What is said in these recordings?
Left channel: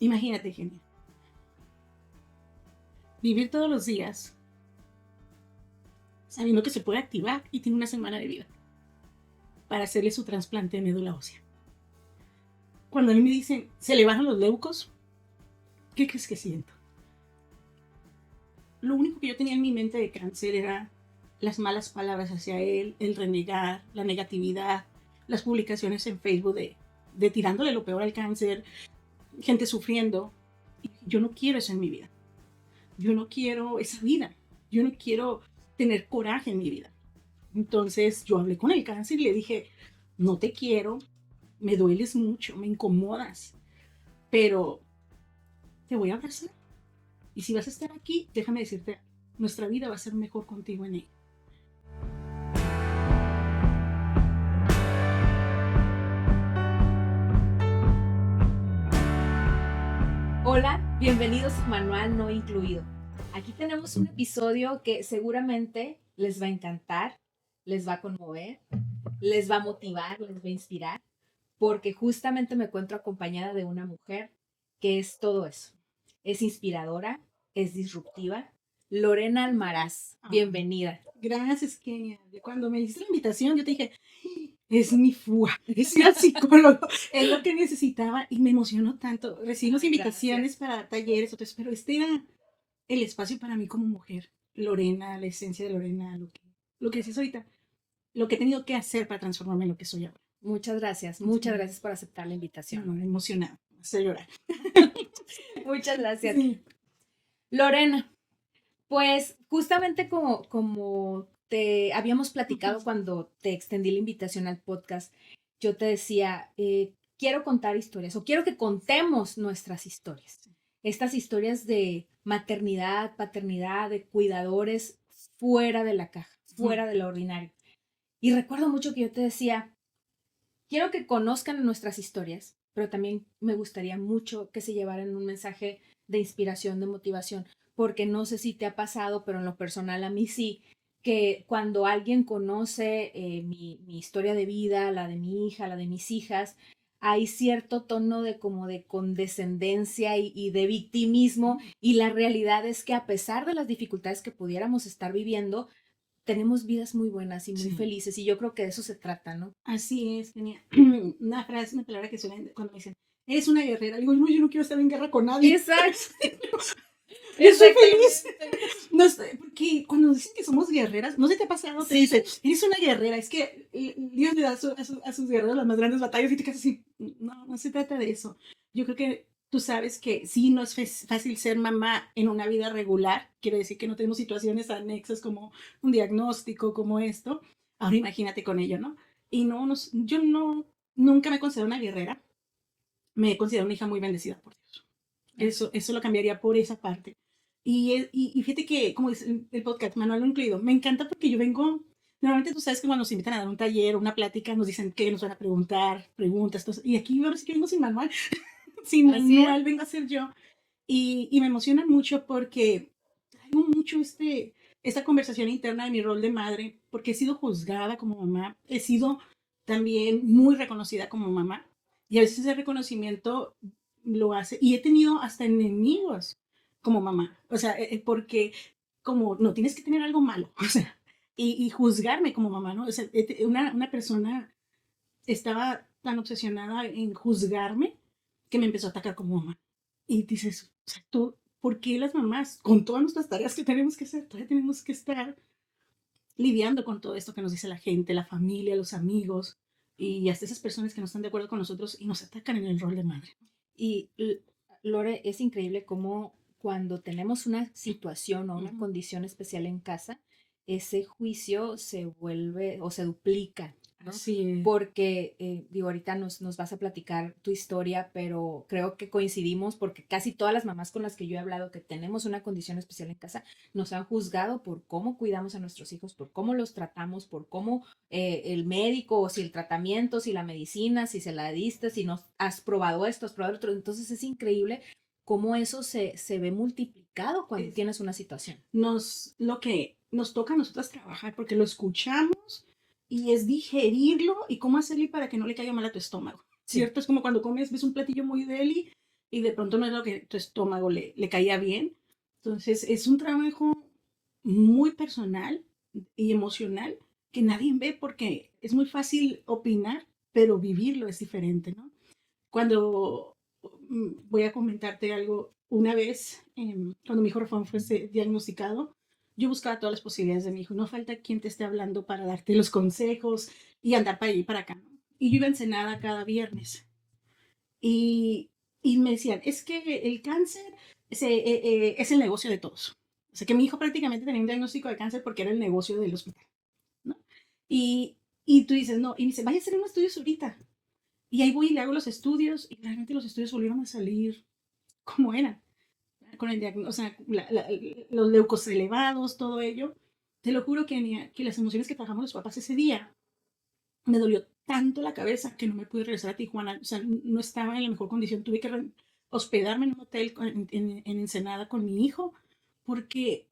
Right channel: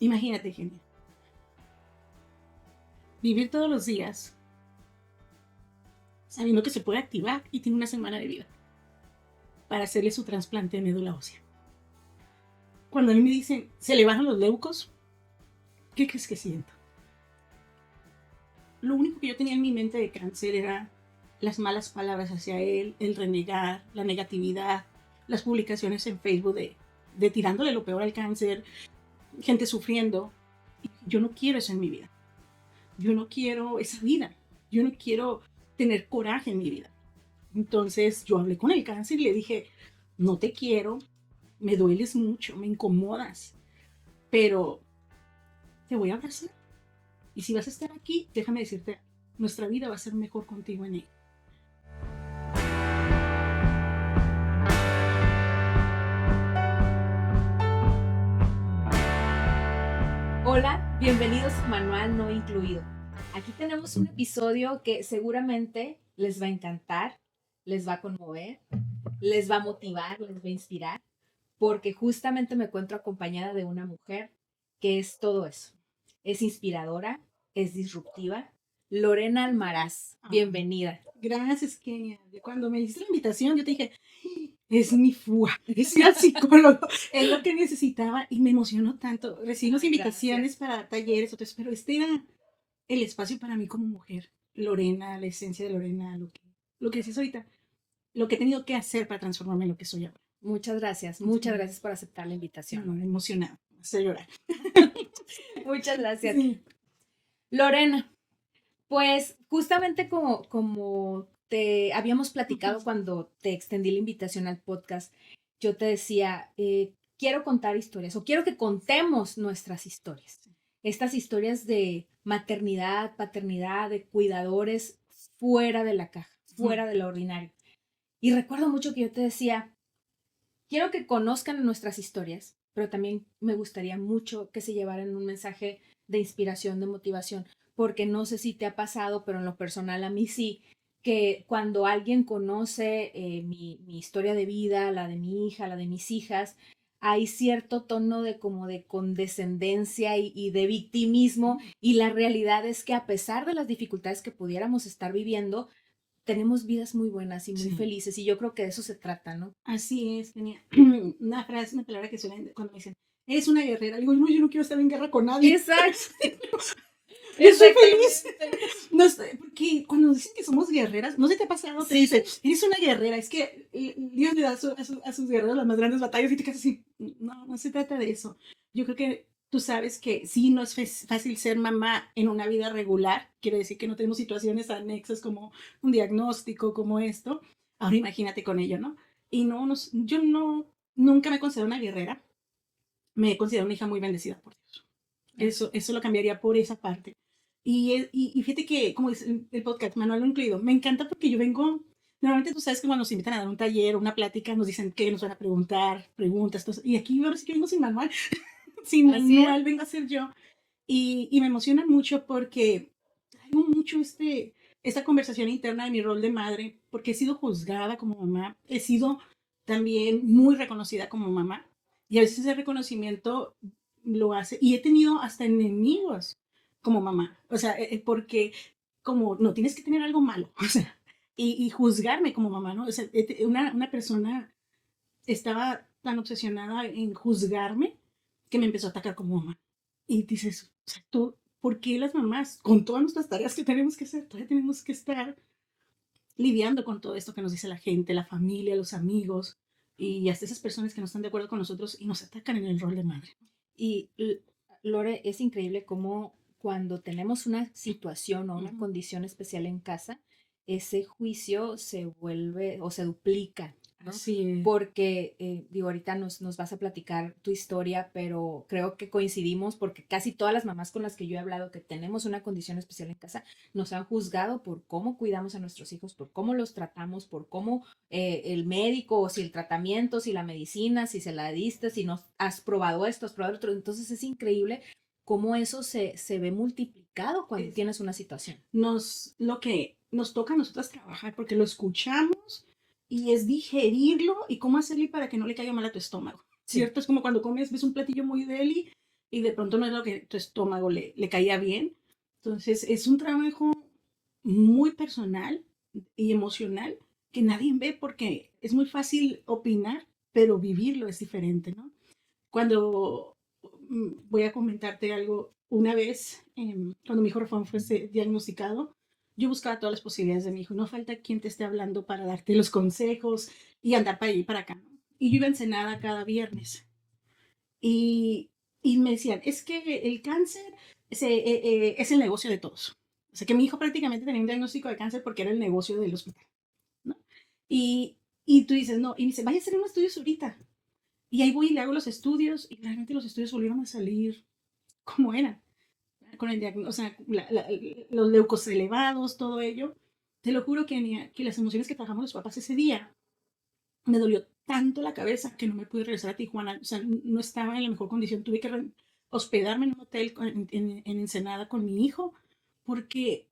Imagínate, Genia, vivir todos los días sabiendo que se puede activar y tiene una semana de vida para hacerle su trasplante de médula ósea. Cuando a mí me dicen, se le bajan los leucos, ¿qué crees que siente? Lo único que yo tenía en mi mente de cáncer era las malas palabras hacia él, el renegar, la negatividad, las publicaciones en Facebook de tirándole lo peor al cáncer, gente sufriendo. Yo no quiero eso en mi vida. Yo no quiero esa vida. Yo no quiero tener coraje en mi vida. Entonces yo hablé con el cáncer y le dije, no te quiero, me dueles mucho, me incomodas, pero te voy a abrazar. Y si vas a estar aquí, déjame decirte, nuestra vida va a ser mejor contigo en ella. Hola, bienvenidos a Manual No Incluido. Aquí tenemos un episodio que seguramente les va a encantar, les va a conmover, les va a motivar, les va a inspirar, porque justamente me encuentro acompañada de una mujer que es todo eso. Es inspiradora, es disruptiva. Lorena Almaraz, bienvenida. Gracias, Kenia. Cuando me hiciste la invitación, yo te dije, es mi fuga, es el psicólogo, es lo que necesitaba y me emocionó tanto. Recibimos invitaciones para talleres, otros, pero este era el espacio para mí como mujer. Lorena, la esencia de Lorena, lo que decís ahorita, lo que he tenido que hacer para transformarme en lo que soy ahora. Muchas gracias por aceptar la invitación. No, emocionada, me hace llorar. Muchas gracias. Lorena, pues justamente como te habíamos platicado cuando te extendí la invitación al podcast, yo te decía, quiero contar historias o quiero que contemos nuestras historias. Estas historias de maternidad, paternidad, de cuidadores fuera de la caja, fuera de lo ordinario. Y recuerdo mucho que yo te decía, quiero que conozcan nuestras historias, pero también me gustaría mucho que se llevaran un mensaje de inspiración, de motivación, porque no sé si te ha pasado, pero en lo personal a mí sí, que cuando alguien conoce mi historia de vida, la de mi hija, la de mis hijas, hay cierto tono de como de condescendencia y de victimismo, y la realidad es que a pesar de las dificultades que pudiéramos estar viviendo, tenemos vidas muy buenas y muy felices, y yo creo que de eso se trata, ¿no? Así es, tenía una frase, una palabra que suena cuando me dicen, eres una guerrera. Digo, no, yo no quiero estar en guerra con nadie. Exacto. Yo soy feliz. No sé, porque cuando dicen que somos guerreras, no sé si te ha pasado, te dicen, eres una guerrera. Es que Dios le da a sus guerreros las más grandes batallas y te quedas así. No, no se trata de eso. Yo creo que tú sabes que sí, no es fácil ser mamá en una vida regular. Quiere decir que no tenemos situaciones anexas como un diagnóstico, como esto. Ahora imagínate con ello, ¿no? Y no, yo no, nunca me considero una guerrera. Me considero una hija muy bendecida por Dios. Eso lo cambiaría por esa parte. Y fíjate que, como dice el podcast, Manual no incluido, me encanta porque yo vengo, normalmente tú sabes que cuando nos invitan a dar un taller, una plática, nos dicen que nos van a preguntar, preguntas, y aquí ahora sí que vengo sin manual, sin manual vengo a ser yo. Y me emociona mucho porque traigo mucho esta conversación interna de mi rol de madre, porque he sido juzgada como mamá, he sido también muy reconocida como mamá, y a veces ese reconocimiento lo hace, y he tenido hasta enemigos como mamá, o sea, porque como no tienes que tener algo malo, o sea, y juzgarme como mamá, ¿no? O sea, una persona estaba tan obsesionada en juzgarme que me empezó a atacar como mamá. Y dices, o sea, ¿por qué las mamás, con todas nuestras tareas que tenemos que hacer, todavía tenemos que estar lidiando con todo esto que nos dice la gente, la familia, los amigos y hasta esas personas que no están de acuerdo con nosotros y nos atacan en el rol de madre? Y Lore, es increíble cómo cuando tenemos una situación o una condición especial en casa, ese juicio se vuelve o se duplica, ¿no? Sí. Porque, digo, ahorita nos vas a platicar tu historia, pero creo que coincidimos porque casi todas las mamás con las que yo he hablado que tenemos una condición especial en casa nos han juzgado por cómo cuidamos a nuestros hijos, por cómo los tratamos, por cómo el médico, o si el tratamiento, si la medicina, si se la diste, si no has probado esto, has probado otro. Entonces es increíble cómo eso se ve multiplicado cuando tienes una situación. Lo que nos toca a nosotros trabajar, porque lo escuchamos y es digerirlo y cómo hacerle para que no le caiga mal a tu estómago, ¿cierto? Es como cuando comes, ves un platillo muy deli y de pronto no es lo que tu estómago le caía bien. Entonces es un trabajo muy personal y emocional que nadie ve porque es muy fácil opinar, pero vivirlo es diferente, ¿no? Cuando voy a comentarte algo, una vez, cuando mi hijo fue diagnosticado, yo buscaba todas las posibilidades de mi hijo. No falta quien te esté hablando para darte los consejos y andar para allá y para acá. Y yo iba a Ensenada cada viernes. Y, y me decían, es que el cáncer es el negocio de todos. O sea, que mi hijo prácticamente tenía un diagnóstico de cáncer porque era el negocio del hospital, ¿no? Y, y tú dices, no, y me dice, vaya a hacer unos estudios ahorita. Y ahí voy y le hago los estudios y realmente los estudios volvieron a salir como eran, con el diagnóstico, o sea, los leucos elevados, todo ello. Te lo juro que las emociones que pagamos los papás ese día me dolió tanto la cabeza que no me pude regresar a Tijuana. O sea, no estaba en la mejor condición. Tuve que hospedarme en un hotel en Ensenada con mi hijo porque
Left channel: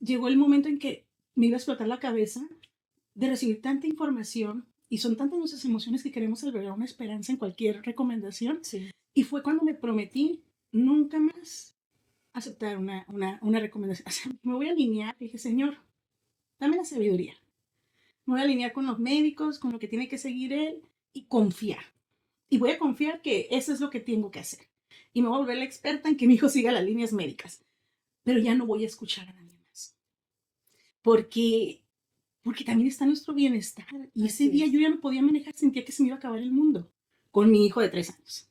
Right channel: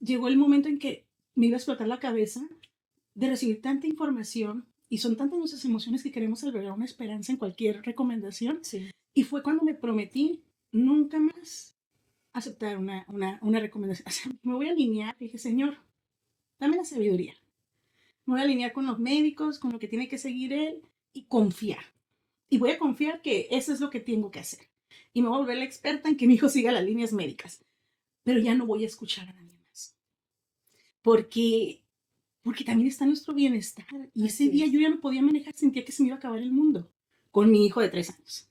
llegó el momento en que me iba a explotar la cabeza de recibir tanta información y son tantas nuestras emociones que queremos albergar una esperanza en cualquier recomendación. Sí. Y fue cuando me prometí nunca más aceptar una recomendación. O sea, me voy a alinear. Dije, Señor, dame la sabiduría. Me voy a alinear con los médicos, con lo que tiene que seguir él y confiar. Y voy a confiar que eso es lo que tengo que hacer. Y me voy a volver la experta en que mi hijo siga las líneas médicas. Pero ya no voy a escuchar a nadie más. Porque porque también está nuestro bienestar. Y ese Así día es. yo ya no podía manejar, sentía que se me iba a acabar el mundo con mi hijo de 3 años.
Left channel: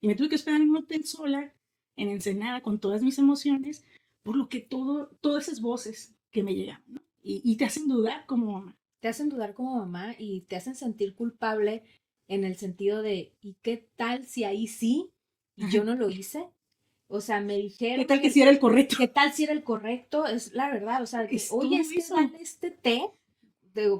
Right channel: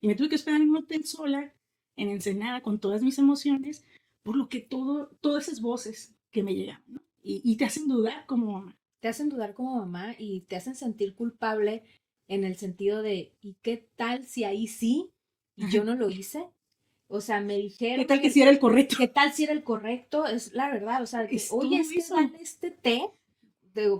Y me tuve que esperar en un hotel sola, en Ensenada, con todas mis emociones, por lo que todas esas voces que me llegan, ¿no? Y te hacen dudar como mamá. Te hacen dudar como mamá y te hacen sentir culpable en el sentido de, ¿y qué tal si ahí sí y Ajá. yo no lo hice? O sea, me ¿Qué dijeron tal que si era el correcto? ¿qué tal si era el correcto? Es la verdad, o sea, que, Es oye, todo es que eso. dale este té,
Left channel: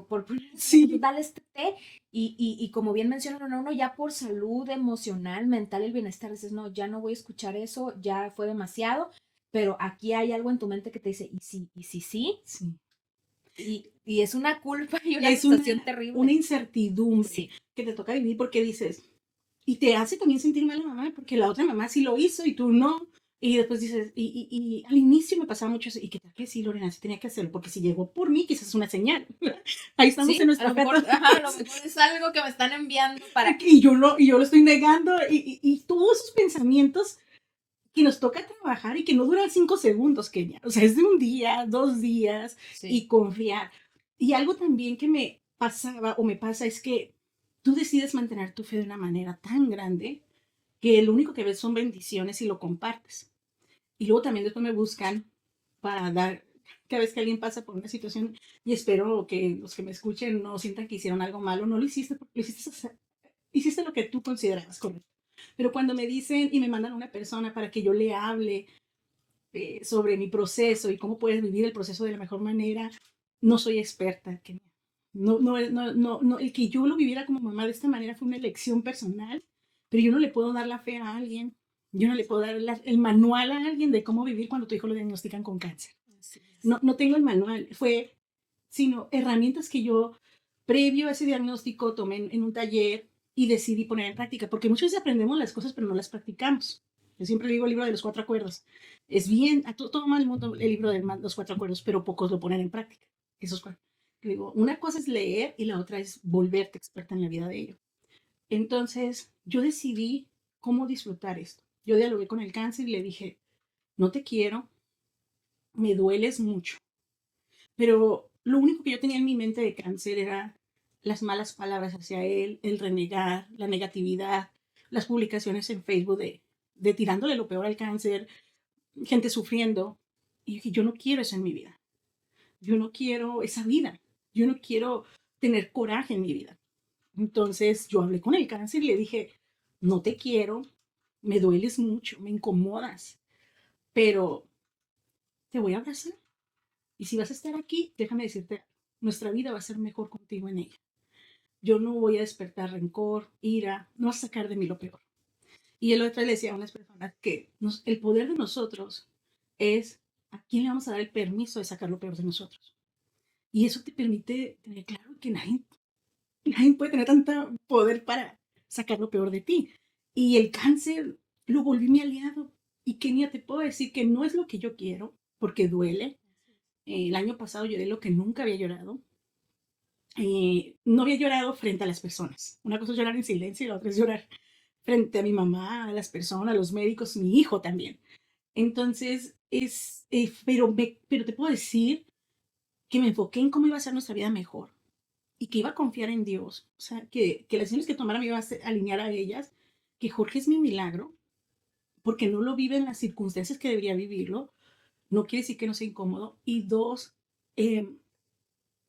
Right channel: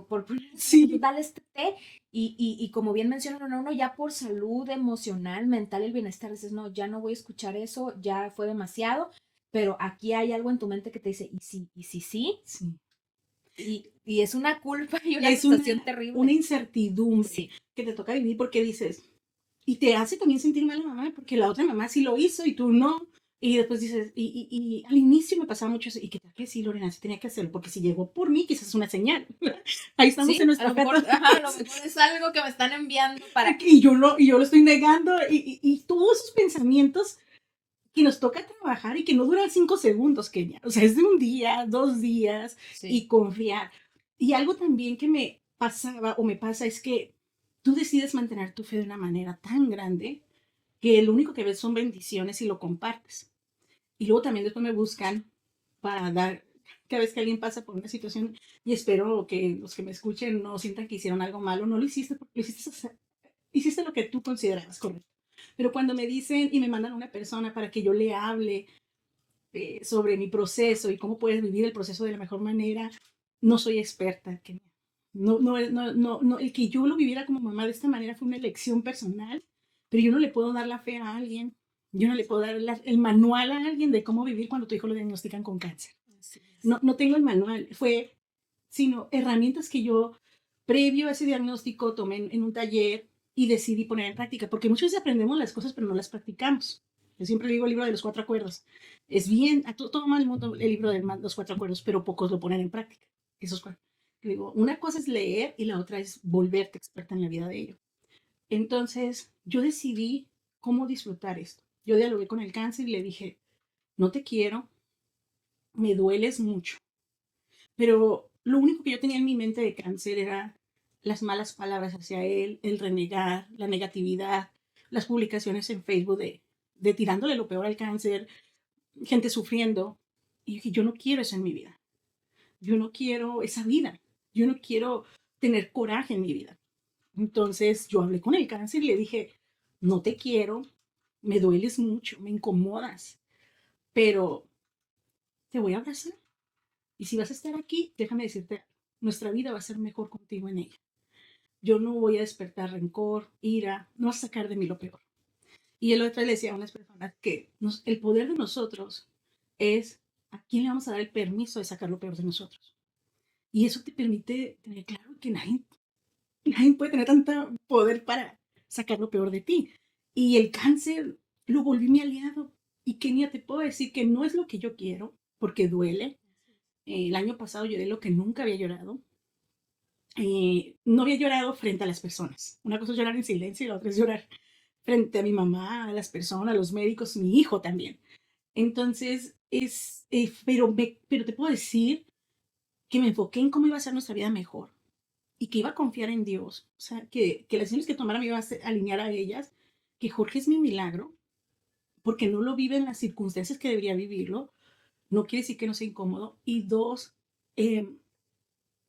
por poner un ejemplo, Sí, dale este té, y como bien mencionaron, uno ya por salud emocional, mental, el bienestar, dices, no, ya no voy a escuchar eso, ya fue demasiado, pero aquí hay algo en tu mente que te dice, y si sí, sí. y es una culpa y una Es sensación una terrible. incertidumbre Sí, que te toca vivir porque dices, y te hace también sentir mal a la mamá, porque la otra mamá sí lo hizo y tú no. Y después dices, y al inicio me pasaba mucho eso, y que tal que sí, Lorena, sí tenía que hacerlo, porque si llegó por mí, que esa es una señal. Ahí estamos en sí, a nuestra lo fe. mejor, ajá, a lo mejor es algo que me están enviando para... Y yo lo estoy negando, y todos esos pensamientos que nos toca trabajar y que no duran 5 segundos, Kenia. O sea, es de un día, 2 días, Sí, y confiar. Y algo también que me pasaba o me pasa es que tú decides mantener tu fe de una manera tan grande que lo único que ves son bendiciones y lo compartes. Y luego también después me buscan para dar, cada vez que alguien pasa por una situación, y espero que los que me escuchen no sientan que hicieron algo malo, no lo hiciste porque hiciste lo que tú consideras correcto. Pero cuando me dicen y me mandan a una persona para que yo le hable sobre mi proceso y cómo puedes vivir el proceso de la mejor manera, no soy experta. Que no, el que yo lo viviera como mamá de esta manera fue una elección personal, pero yo no le puedo dar la fe a alguien, yo no le puedo dar el manual a alguien de cómo vivir cuando tu hijo lo diagnostican con cáncer. así es. No tengo el manual, fue sino herramientas que yo, previo a ese diagnóstico, tomé en un taller y decidí poner en práctica, porque muchas veces aprendemos las cosas pero no las practicamos. Yo siempre digo el libro de los 4 acuerdos. Es bien, a todo el mundo el libro de los 4 acuerdos, pero pocos lo ponen en práctica. Esos 4. Digo, una cosa es leer y la otra es volverte experta en la vida de ello. Entonces, yo decidí cómo disfrutar esto. Yo dialogué con el cáncer y le dije, no te quiero, me dueles mucho, pero lo único que yo tenía en mi mente de cáncer era las malas palabras hacia él, el renegar, la negatividad, las publicaciones en Facebook de tirándole lo peor al cáncer, gente sufriendo. Y dije, yo no quiero eso en mi vida. Yo no quiero esa vida. Yo no quiero tener coraje en mi vida. Entonces yo hablé con el cáncer y le dije, no te quiero, me dueles mucho, me incomodas, pero te voy a abrazar. Y si vas a estar aquí, déjame decirte, nuestra vida va a ser mejor contigo en ella. Yo no voy a despertar rencor, ira, no vas a sacar de mí lo peor. Y el otro le decía a unas personas que el poder de nosotros es a quién le vamos a dar el permiso de sacar lo peor de nosotros. Y eso te permite tener claro que nadie puede tener tanto poder para sacar lo peor de ti. Y el cáncer lo volví mi aliado. Y Kenia, te puedo decir que no es lo que yo quiero, porque duele. El año pasado lloré lo que nunca había llorado. No había llorado frente a las personas. Una cosa es llorar en silencio y la otra es llorar frente a mi mamá, a las personas, a los médicos, mi hijo también. Entonces, pero te puedo decir que me enfoqué en cómo iba a ser nuestra vida mejor y que iba a confiar en Dios. O sea, que las decisiones que tomara me iba a alinear a ellas, que Jorge es mi milagro, porque no lo vive en las circunstancias que debería vivirlo. No quiere decir que no sea incómodo. Y dos, eh,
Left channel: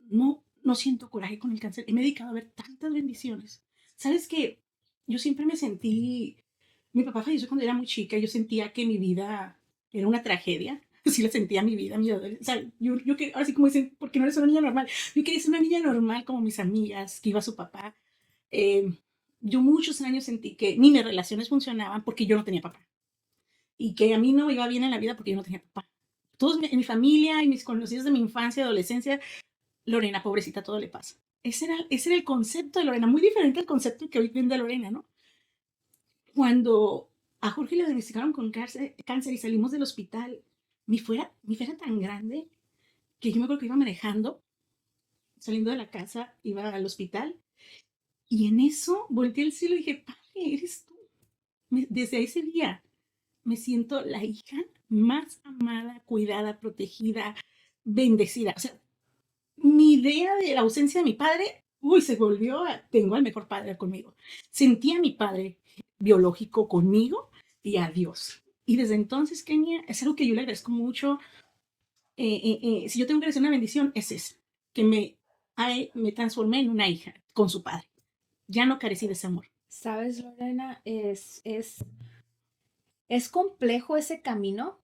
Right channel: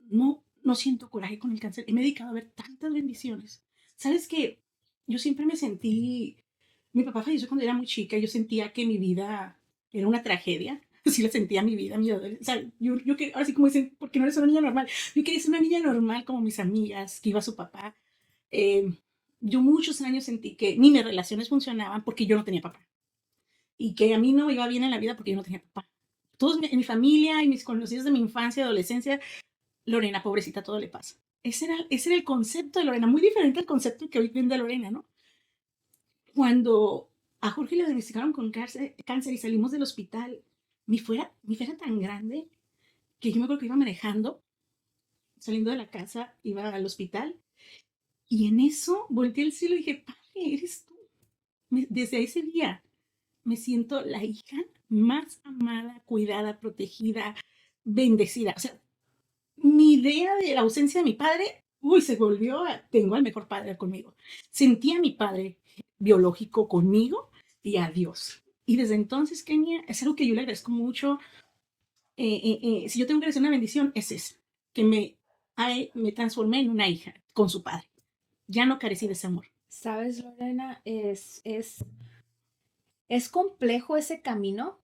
no siento coraje con el cáncer. Me he dedicado a ver tantas bendiciones. ¿Sabes qué? Yo siempre me sentí, mi papá falleció cuando era muy chica, y yo sentía que mi vida era una tragedia. Así la sentía mi vida, mi adolescencia. O sea, yo que, así como dicen, porque no eres una niña normal. Yo quería ser una niña normal como mis amigas, que iba a su papá. Eh, yo muchos años sentí que ni mis relaciones funcionaban porque yo no tenía papá. Y que a mí no me iba bien en la vida porque yo no tenía papá. Todos en mi familia y mis conocidos de mi infancia, adolescencia, Lorena, pobrecita, todo le pasa. Ese era el concepto de Lorena, muy diferente al concepto que hoy vende Lorena, ¿no? Cuando a Jorge le diagnosticaron con cáncer y salimos del hospital, mi fe era tan grande que yo me acuerdo que iba manejando, saliendo de la casa, iba al hospital, y en eso volteé al cielo y dije, Padre, eres tú. Desde ese día me siento la hija más amada, cuidada, protegida, bendecida. O sea, mi idea de la ausencia de mi padre, uy, se volvió, tengo al mejor padre conmigo. Sentí a mi padre biológico conmigo y a Dios. Y desde entonces, Kenny, es lo que yo le agradezco mucho. Si yo tengo que hacer una bendición, es esa, que me transformé en una hija con su padre. Ya no carecí de ese amor. ¿Sabes, Lorena? Es complejo ese camino,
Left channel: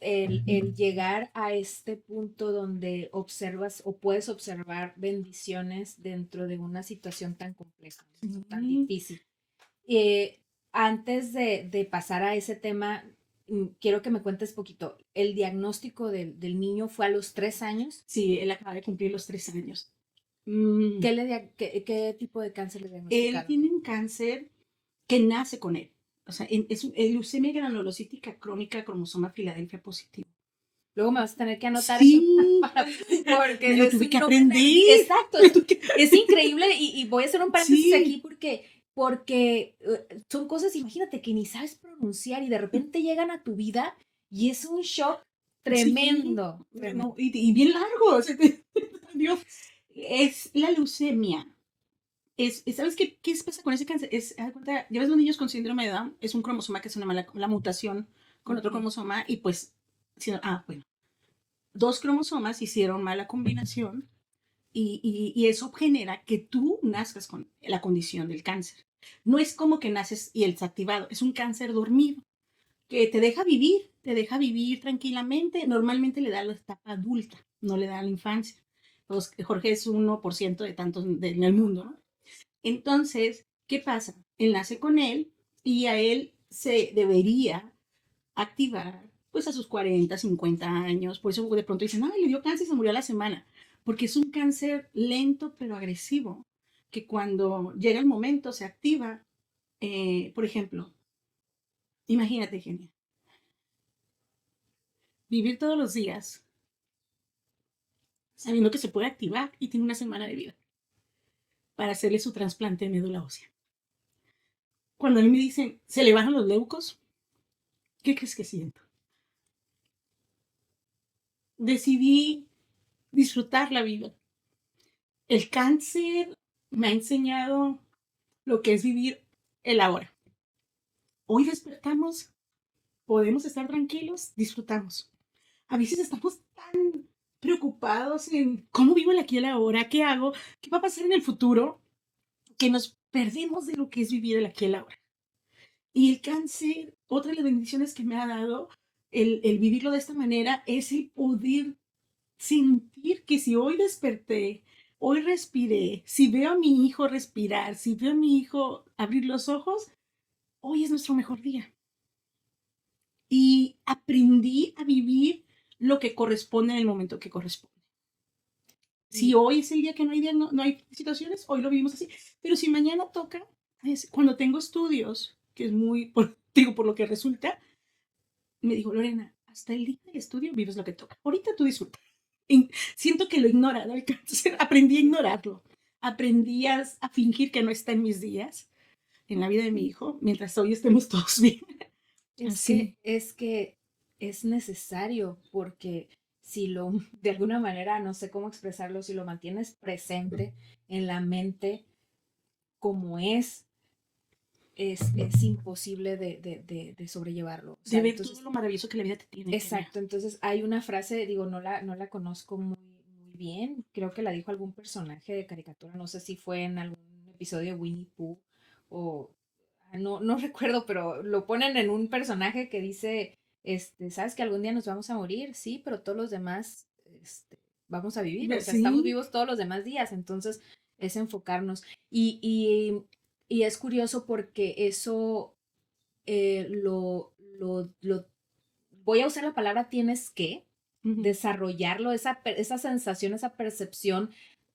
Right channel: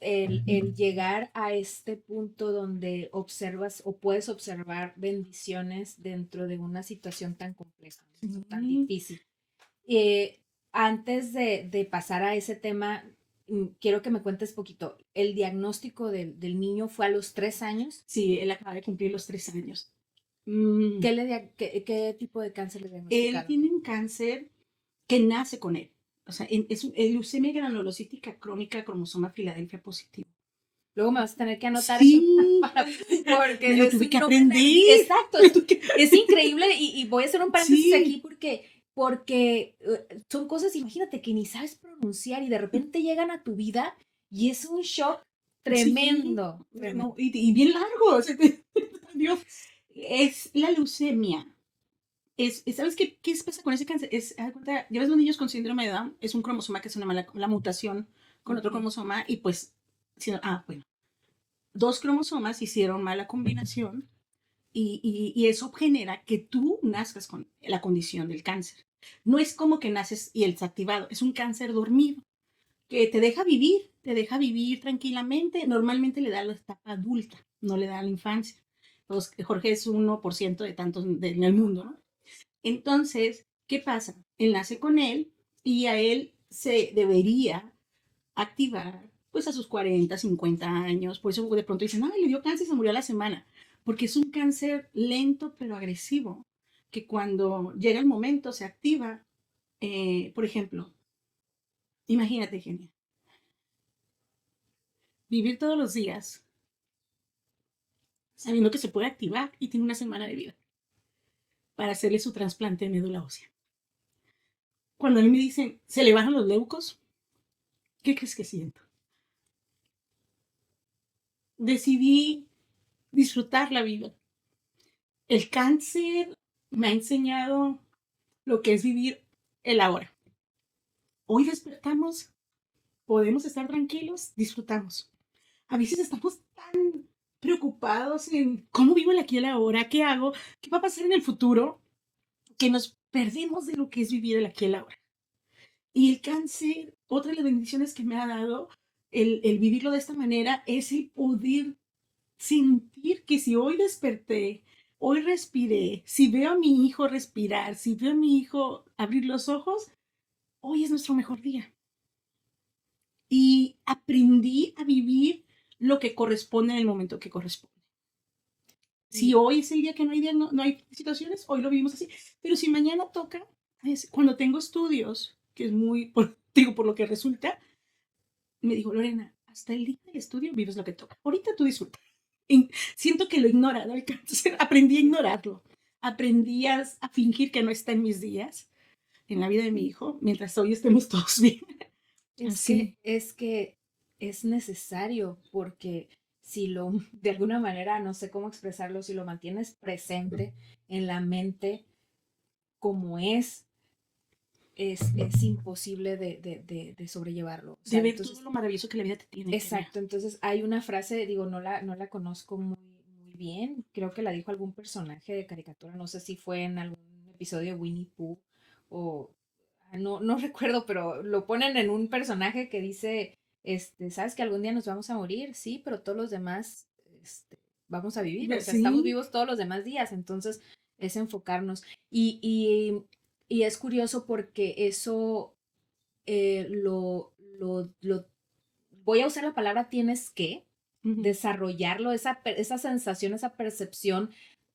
el llegar a este punto donde observas o puedes observar bendiciones dentro de una situación tan compleja, tan difícil. Eh, Antes de pasar a ese tema, quiero que me cuentes poquito. ¿El diagnóstico del niño fue a los 3 años? Sí, él acaba de cumplir los 3 años. ¿Qué tipo de cáncer le Él diagnosticaron? tiene un cáncer que nace con él. O sea, es leucemia granulocítica crónica cromosoma Filadelfia positivo. Luego me vas a tener que anotar eso Sí, porque lo es tuve un que nombre. aprender. Exacto, Lo tuve que- es increíble y voy a hacer un paréntesis Sí, aquí porque son cosas, imagínate, que ni sabes pronunciar y de repente llegan a tu vida y es un shock sí. tremendo, tremendo. No, y bien largo. O sea, Dios, es la leucemia. ¿Sabes qué pasa con ese cáncer? Haz de cuenta, ya ves los niños con síndrome de Down, es un cromosoma que es una mala la mutación con otro Ujú. cromosoma y pues, bueno, dos cromosomas hicieron mala combinación y eso genera que tú nazcas con la condición del cáncer. No es como que naces y el activado, es un cáncer dormido que te deja vivir tranquilamente. Normalmente le da la etapa adulta, no le da a la infancia. Entonces, Jorge es 1% de tantos en el mundo, ¿no? Entonces, ¿qué pasa? Él nace con él y a él se debería activar pues a sus 40, 50 años. Por eso de pronto dicen, ay, le dio cáncer y se murió a la semana. Porque es un cáncer lento pero agresivo, que cuando llega el momento se activa. Por ejemplo, imagínate, Genia, vivir todos los días sabiendo que se puede activar y tiene una semana de vida para hacerle su trasplante de médula ósea. Cuando a mí me dicen, se le bajan los leucos, ¿qué crees que siento? Decidí disfrutar la vida. El cáncer me ha enseñado lo que es vivir el ahora. Hoy despertamos, podemos estar tranquilos, disfrutamos. A veces estamos tan preocupados en cómo vivo el aquí y el ahora, qué hago, qué va a pasar en el futuro, que nos perdemos de lo que es vivir el aquí y el ahora. Y el cáncer, otra de las bendiciones que me ha dado el vivirlo de esta manera es el poder sentir que si hoy desperté, hoy respiré, si veo a mi hijo respirar, si veo a mi hijo abrir los ojos, hoy es nuestro mejor día. Y aprendí a vivir lo que corresponde en el momento que corresponde. Si Y hoy es el día que no hay situaciones, hoy lo vivimos así. Pero si mañana toca, cuando tengo estudios, que es muy, Digo, por lo que resulta, me dijo, Lorena, hasta el día del estudio vives lo que toca. Ahorita tú disfruta. Siento que lo ignora, ¿no? El cáncer. Aprendí a ignorarlo. Aprendí a fingir que no está en mis días, en la vida de mi hijo, mientras hoy estemos todos bien. Así. Es que es necesario porque si lo, de alguna manera, no sé cómo expresarlo, si lo mantienes presente en la mente como es imposible de sobrellevarlo. O De sea, ver todo entonces, lo maravilloso que la vida te tiene que ver. exacto. Entonces hay una frase, digo, no la conozco muy bien. Creo que la dijo algún personaje de caricatura. No sé si fue en algún episodio de Winnie Pooh o no recuerdo, pero lo ponen en un personaje que dice, ¿sabes que algún día nos vamos a morir? Sí, pero todos los demás, vamos a vivir. O sea, estamos Sí, vivos todos los demás días. Entonces es enfocarnos. Y es curioso porque eso lo voy a usar la palabra tienes que desarrollarlo, esa sensación, esa percepción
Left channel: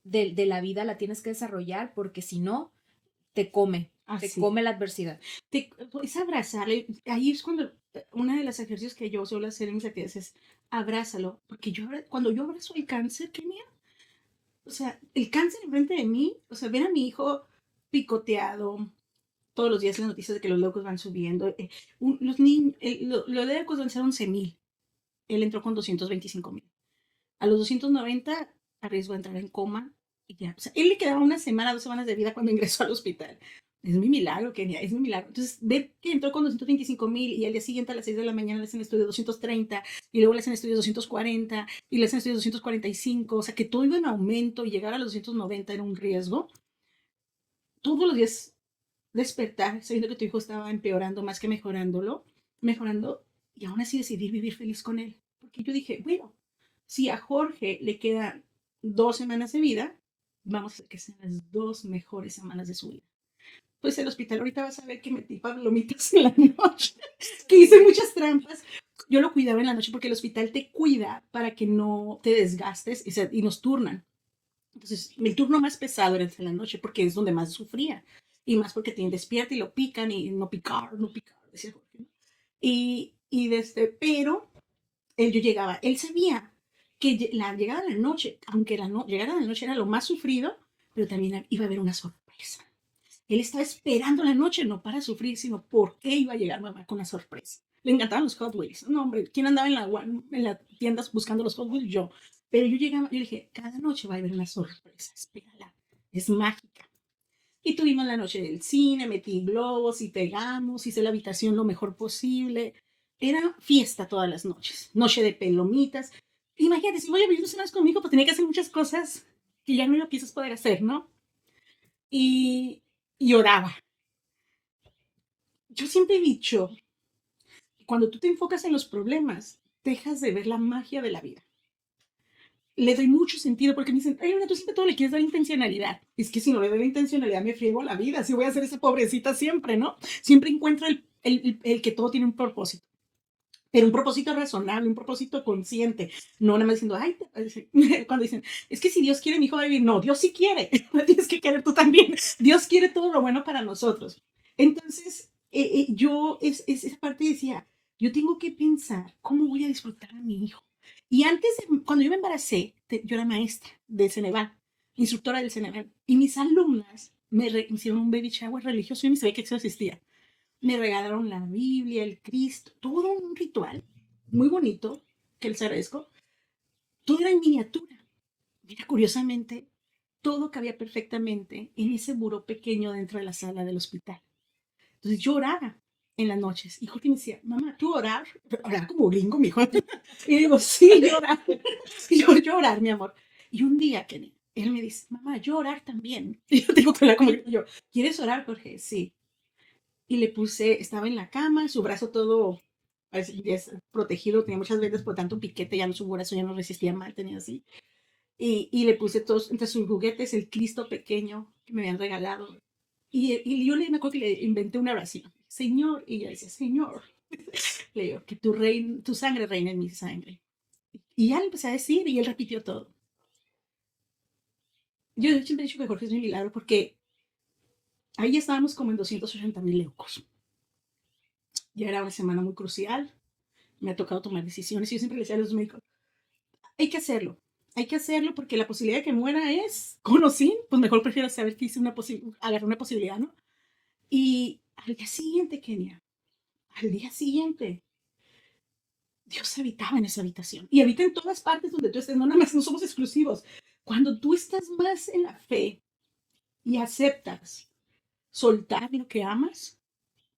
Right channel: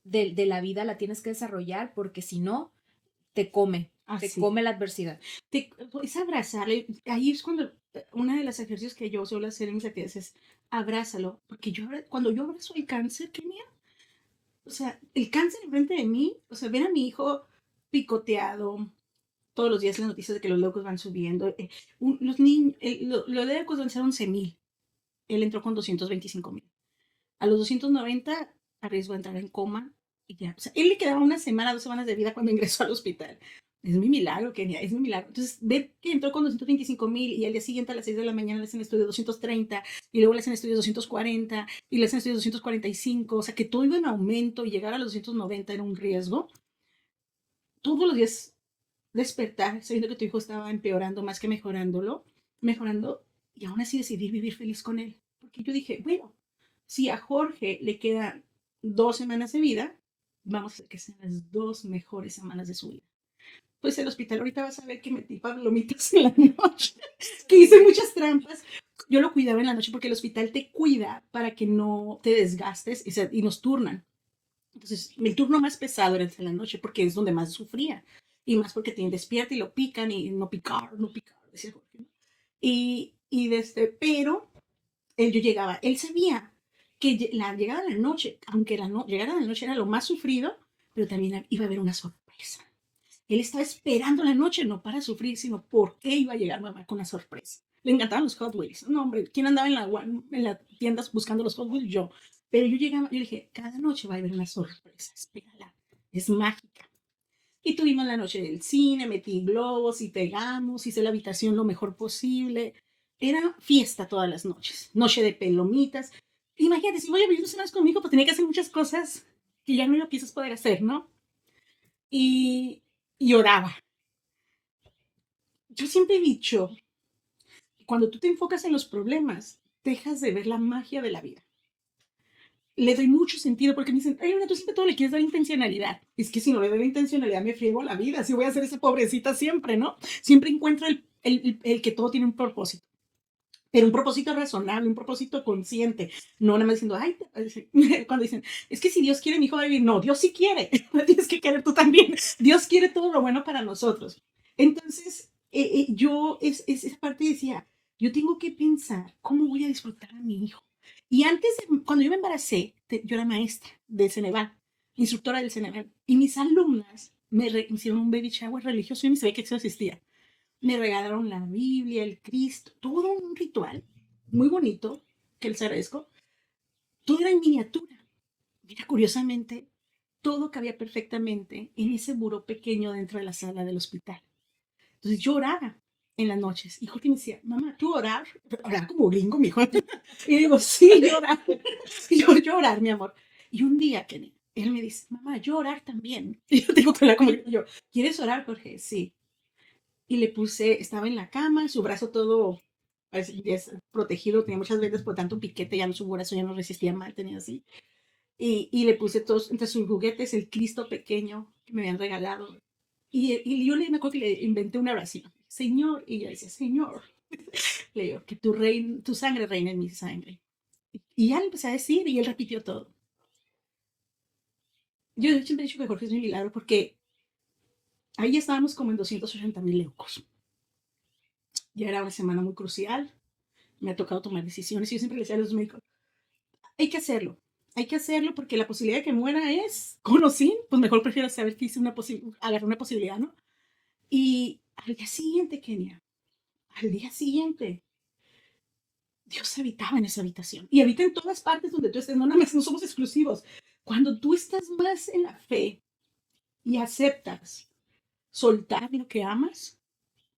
de la vida la tienes que desarrollar porque si no, te así. come la adversidad. Es abrazarle. Ahí es cuando uno de los ejercicios que yo suelo hacer en mis actividades es abrázalo. Porque cuando yo abrazo el cáncer, Kenia, o sea, el cáncer enfrente de mí, o sea, ver a mi hijo picoteado, todos los días las noticias de que los locos van subiendo. Los niños, los locos van a ser 11,000. Él entró con 225,000. A los 290 arriesgó a entrar en coma y ya. O sea, él le quedaba una semana, 2 semanas de vida cuando ingresó al hospital. Es mi milagro, Kenia, es mi milagro. Entonces, ver que entró con 225,000 y al día siguiente a las 6 de la mañana le hacen estudio 230 y luego le hacen estudio 240 y le hacen estudio 245. O sea, que todo iba en aumento y llegar a los 290 era un riesgo. Todos los días despertar sabiendo que tu hijo estaba empeorando más que mejorando, y aún así decidí vivir feliz con él. Porque yo dije, bueno, si a Jorge le quedan 2 semanas de vida, vamos a hacer que sean las 2 mejores semanas de su vida. Pues el hospital ahorita vas a ver que metí palomitas en la noche, que hice muchas trampas. Yo lo cuidaba en la noche porque el hospital te cuida para que no te desgastes y nos turnan. Entonces, mi turno más pesado era el de la noche porque es donde más sufría. Y más porque tienen despierta y lo pican y no picar, decía Jorge. Pero yo llegaba, él sabía que la llegada de la noche, aunque llegada de la noche era lo más sufrido, pero también iba a haber una sorpresa. Él estaba esperando la noche, no para sufrir, sino porque iba a llegar mamá con la sorpresa. Le encantaban los Hot Wheels. No, hombre, ¿quién andaba en la tiendas buscando los Hot Wheels? Yo. Pero yo llegaba y le dije, cada noche va a haber una sorpresa. Espérala. Es mágica. Y tuvimos la noche del cine, metí globos y pegamos, hice la habitación lo mejor posible. Era fiesta todas las noches. Noche de pelomitas. Imagínate, si voy a vivir 2 semanas conmigo, pues tenía que hacer muchas cosas que ya no lo quieres poder hacer, ¿no? Y, y oraba. Yo siempre he dicho, cuando tú te enfocas en los problemas, dejas de ver la magia de la vida. Le doy mucho sentido porque me dicen, ay, Luna, tú siempre todo le quieres dar intencionalidad. Es que si no le doy intencionalidad me friego la vida, si voy a ser esa pobrecita siempre, ¿no? Siempre encuentro el que todo tiene un propósito, pero un propósito razonable, un propósito consciente. No nada más diciendo, ay, cuando dicen, es que si Dios quiere, mi hijo va a vivir. No, Dios sí quiere. Tienes que querer tú también. Dios quiere todo lo bueno para nosotros. Entonces, esa parte decía, yo tengo que pensar cómo voy a disfrutar a mi hijo. Y antes, cuando yo me embaracé, yo era maestra de Senegal, instructora de Senegal, y mis alumnas hicieron un baby shower religioso y ni sabía que eso existía. Me regalaron la Biblia, el Cristo, todo un ritual muy bonito, que les agradezco. Todo era en miniatura. Mira, curiosamente, todo cabía perfectamente en ese muro pequeño dentro de la sala del hospital. Entonces yo oraba en las noches. Y Jorge me decía, mamá, ¿tú orar? Orar como gringo, mi hijo. Y digo, sí, llorar. Y yo orar, mi amor. Y un día que él me dice, mamá, yo orar también. Y yo tengo que hablar como yo, ¿quieres orar, Jorge? Sí. Y le puse, estaba en la cama, su brazo todo protegido, tenía muchas veces por tanto piquete, ya no, su brazo ya no resistía mal, tenía así. Y le puse todos, entre sus juguetes, el Cristo pequeño que me habían regalado. Y yo me acuerdo que le inventé una oración. Señor, y ella dice, Señor, le digo, que tu sangre reine en mi sangre. Y ya le empecé a decir y él repitió todo. Yo siempre he dicho que Jorge es un milagro porque ahí estábamos como en 280,000 leucos. Ya era una semana muy crucial, me ha tocado tomar decisiones y yo siempre le decía a los médicos, hay que hacerlo. Hay que hacerlo porque la posibilidad de que muera es con o sin, pues mejor prefiero saber que hice agarré una posibilidad, ¿no? Y al día siguiente, Kenia, al día siguiente, Dios habitaba en esa habitación y habita en todas partes donde tú estés, no nada más, no somos exclusivos. Cuando tú estás más en la fe y aceptas soltar lo que amas,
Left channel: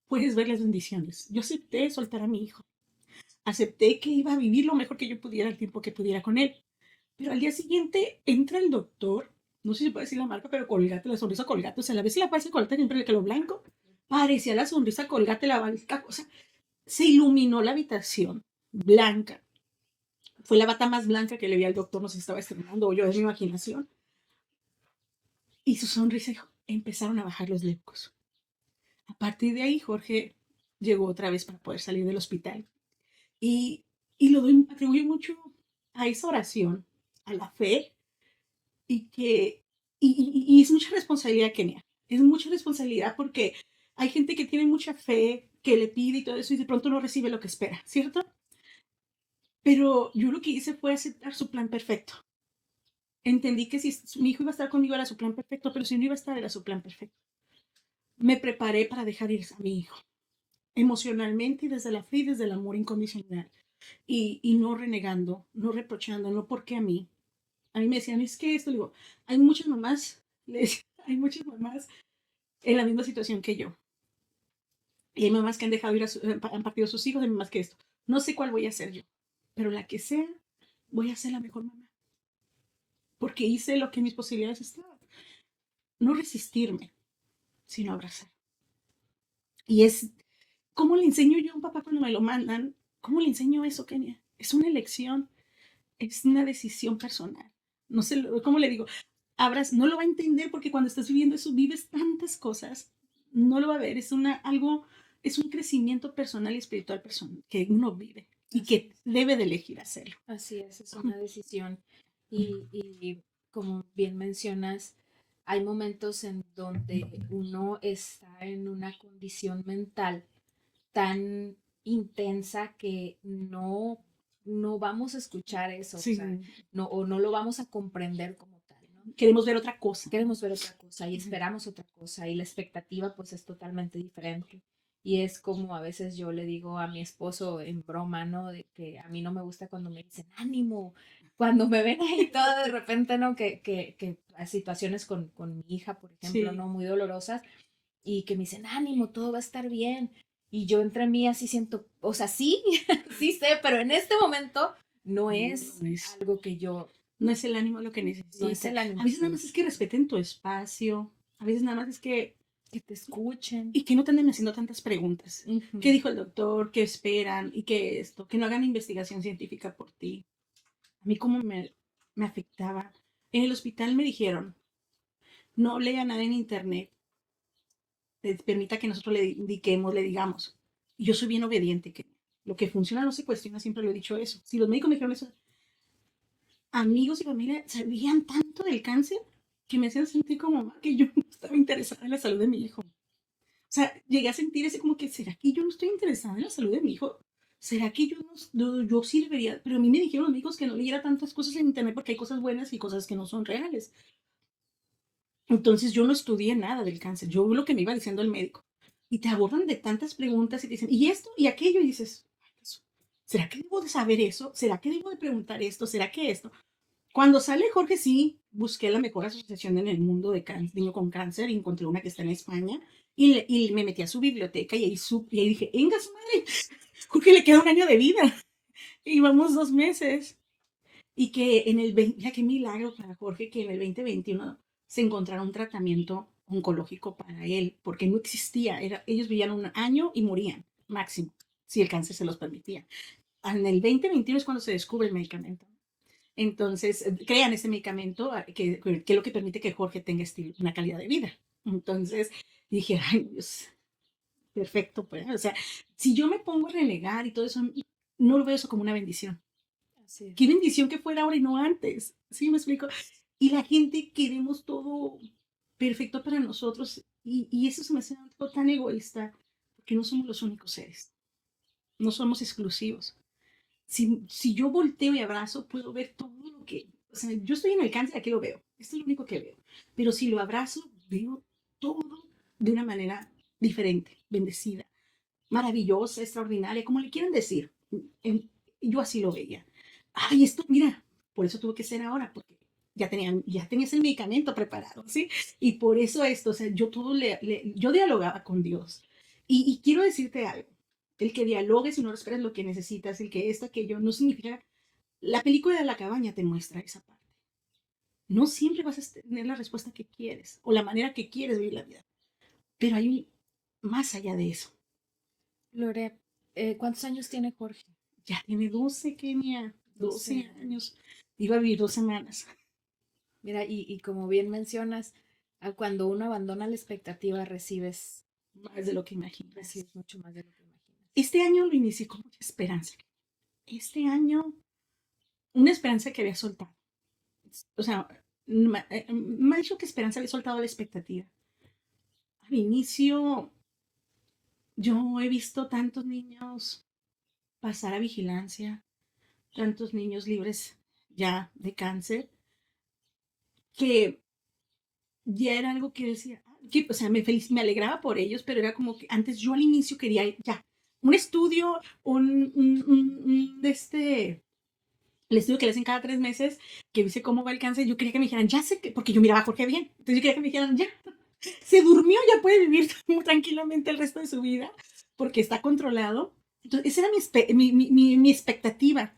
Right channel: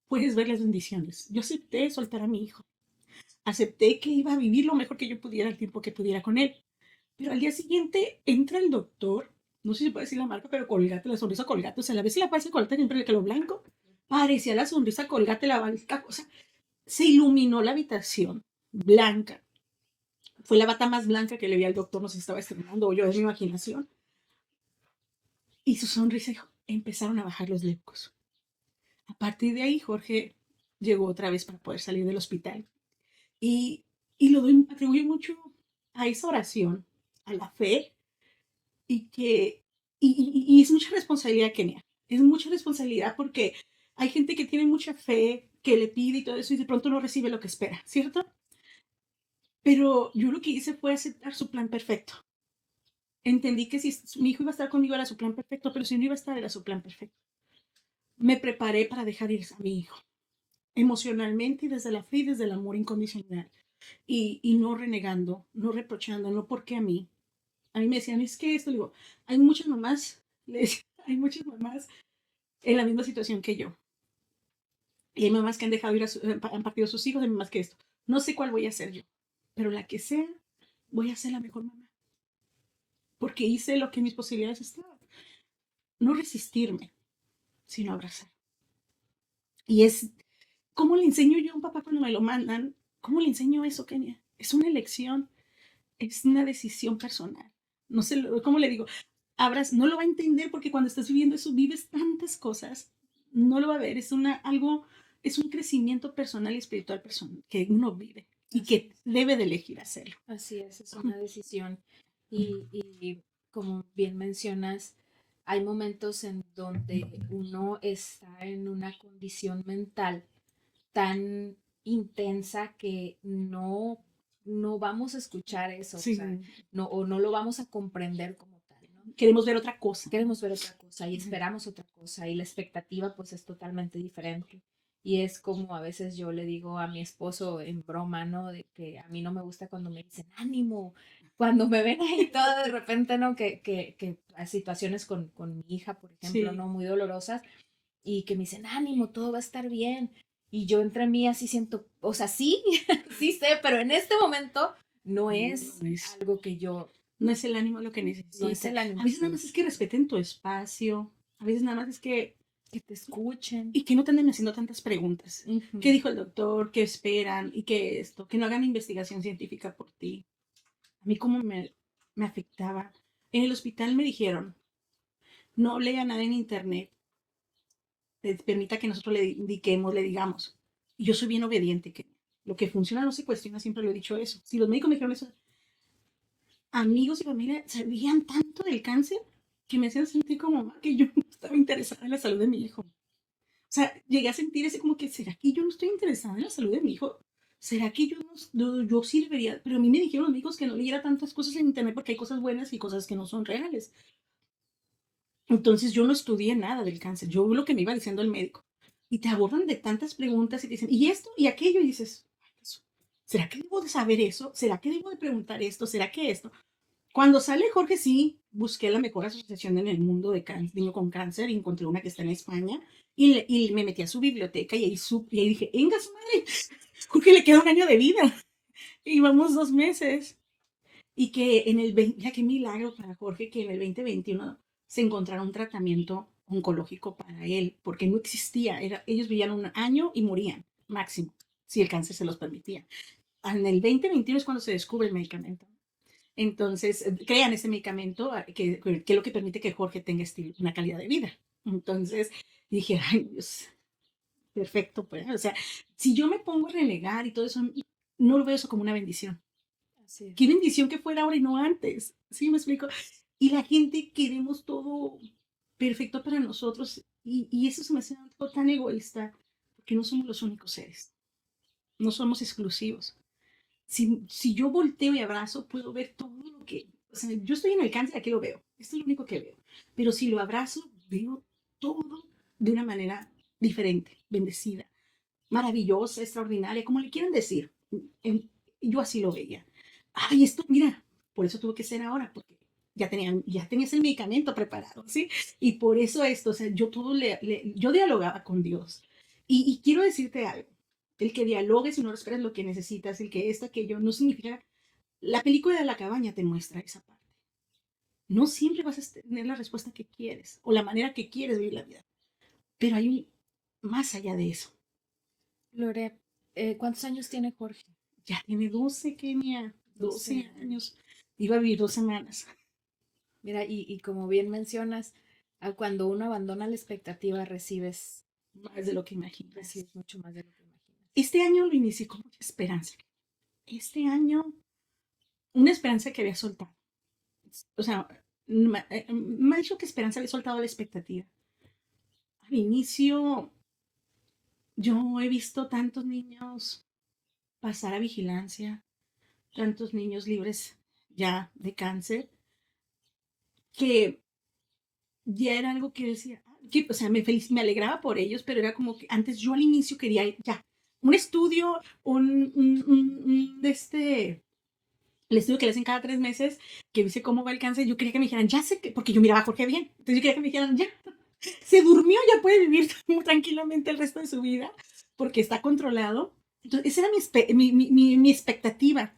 puedes ver las bendiciones. Yo acepté soltar a mi hijo, acepté que iba a vivir lo mejor que yo pudiera el tiempo que pudiera con él. Pero al día siguiente entra el doctor, no sé si puede decir la marca, pero Colgate, la sonrisa Colgate, o sea, la vez si la parece Colgate siempre le quedó blanco, parecía la sonrisa Colgate, la blanca, o sea, se iluminó la habitación, blanca. Fue la bata más blanca que le vi al doctor, no sé si estaba estrenando o yo, es mi imaginación. Y su sonrisa, empezaron a bajar los leucos. A partir de ahí, Jorge llegó otra vez para poder salir del hospital. Y, y lo atribuye mucho a esa oración, a la fe, y que y es mucha responsabilidad, Kenia. Es mucha responsabilidad porque hay gente que tiene mucha fe, que le pide y todo eso, y de pronto no recibe lo que espera, ¿cierto? Pero yo lo que hice fue aceptar su plan perfecto. Entendí que si mi hijo iba a estar conmigo era su plan perfecto, pero si no iba a estar era su plan perfecto. Me preparé para dejar ir a mi hijo, emocionalmente y desde la fe y desde el amor incondicional. Y no renegando, no reprochando, no porque a mí. A mí me decían, es que esto, digo, hay muchas mamás, les, hay muchas mamás en la misma situación que yo. Y hay mamás que han dejado ir han partido a sus hijos, hay mamás que esto. No sé cuál voy a hacer yo, pero la que sea, voy a ser la mejor mamá. Porque hice lo que mis posibilidades estaban. No resistirme, sino abrazar. Y es, ¿cómo le enseño yo a un papá cuando me lo mandan? ¿Cómo le enseño eso, Kenia? Es una elección, es una decisión personal. No sé, ¿cómo le digo? No lo va a entender porque cuando estás viviendo eso, vives tantas cosas, no lo va a ver. Es un crecimiento personal y espiritual personal que uno vive y que debe de elegir hacerlo. Así es una decisión. Y como bien mencionas, hay momentos en donde uno está en una condición mental tan intensa que no vamos a escuchar eso, o Sí, sea, o no lo vamos a comprender como tal, ¿no? queremos ver otra cosa. Queremos ver otra cosa y esperamos otra cosa y la expectativa pues es totalmente diferente. Y es como a veces yo le digo a mi esposo en broma, ¿no? De que a mí no me gusta cuando me dicen ánimo, cuando me ven ahí todo de repente, ¿no? Que hay situaciones con mi hija, por ejemplo, Sí. ¿no? Muy dolorosas y que me dicen ánimo, todo va a estar bien. Y yo entre mí así siento, o sea, sí, sí sé, pero en este momento no es No es, algo que yo, no es el ánimo lo que no es necesitas. el A ánimo. veces nada más es que respeten tu espacio. A veces nada más es Que te escuchen. y que no te anden haciendo tantas preguntas. Ujú. ¿Qué dijo el doctor? ¿Qué esperan? ¿Y qué esto? Que no hagan investigación científica por ti. A mí cómo me afectaba. En el hospital me dijeron, no lea nada en internet, permita que nosotros le indiquemos, le digamos. Y yo soy bien obediente, que lo que funciona no se cuestiona, siempre lo he dicho eso. Si los médicos me dijeron eso, amigos y familia sabían tanto del cáncer que me hacían sentir como mamá que yo no estaba interesada en la salud de mi hijo. O sea, llegué a sentir ese como que, ¿será que yo no estoy interesada en la salud de mi hijo? ¿Será que yo yo sí debería? Pero a mí me dijeron los médicos que no leyera tantas cosas en internet porque hay cosas buenas y cosas que no son reales. Entonces yo no estudié nada del cáncer, yo lo que me iba diciendo el médico. Y te abordan de tantas preguntas y te dicen, ¿y esto? ¿Y aquello? Y dices, ¿será que debo de saber eso? ¿Será que debo de preguntar esto? ¿Será que esto? Cuando sale Jorge, sí, busqué la mejor asociación en el mundo de niño con cáncer y encontré una que está en España y me metí a su biblioteca y ahí dije, venga su madre, Jorge le queda un año de vida y vamos 2 meses. Y que en el 20, ya qué milagro para Jorge que en el 2021 se encontrara un tratamiento oncológico para él, porque no existía, ellos vivían un año y morían, máximo, si el cáncer se los permitía. En el 2021 es cuando se descubre el medicamento. Entonces, crean ese medicamento que es lo que permite que Jorge tenga una calidad de vida. Entonces, dije, ay, Dios, perfecto, pues. O sea, si yo me pongo a renegar y todo eso, no lo veo eso como una bendición. Así. Qué bendición que fuera ahora y no antes. ¿Sí me explico? Y la gente queremos todo perfecto para nosotros. Y eso se me hace algo tan egoísta, porque no somos los únicos seres. no somos exclusivos. Si yo volteo y abrazo, puedo ver todo lo que, o sea, yo estoy en el cáncer, aquí lo veo, esto es lo único que veo, pero si lo abrazo, veo todo de una manera diferente, bendecida, maravillosa, extraordinaria, como le quieran decir. En- yo así lo veía. Ay, esto, mira, por eso tuve que ser ahora, porque ya tenías el medicamento preparado, ¿sí? Y por eso esto, o sea, yo todo yo dialogaba con Dios. Y quiero decirte algo, el que dialogues y no esperas lo que necesitas, el que esto, aquello, no significa, la película de la cabaña te muestra esa parte. No siempre vas a tener la respuesta que quieres o la manera que quieres vivir la vida, pero hay más allá de eso. Lore, ¿cuántos años tiene Jorge? Ya tiene 12, Kenia, 12 12 años. años. Iba a vivir 2 semanas. Mira, y como bien mencionas, cuando uno abandona la expectativa, Más de lo que imaginas. recibes mucho más de lo que imaginas. Este año lo inicié con mucha esperanza. Este año, una esperanza que había soltado. O sea, me ha dicho que esperanza le he soltado la expectativa. Al inicio, yo he visto tantos niños pasar a vigilancia, tantos niños libres ya de cáncer, que ya era algo que decía, que, o sea, me alegraba por ellos, pero era como que antes yo al inicio quería ya un estudio, el estudio que le hacen cada 3 meses, que dice cómo va el cáncer, yo quería que me dijeran, ya sé que, porque yo miraba a Jorge bien, entonces yo quería que me dijeran, ya, se durmió, ya puede vivir muy tranquilamente el resto de su vida, porque está controlado. Entonces, esa era mi expectativa.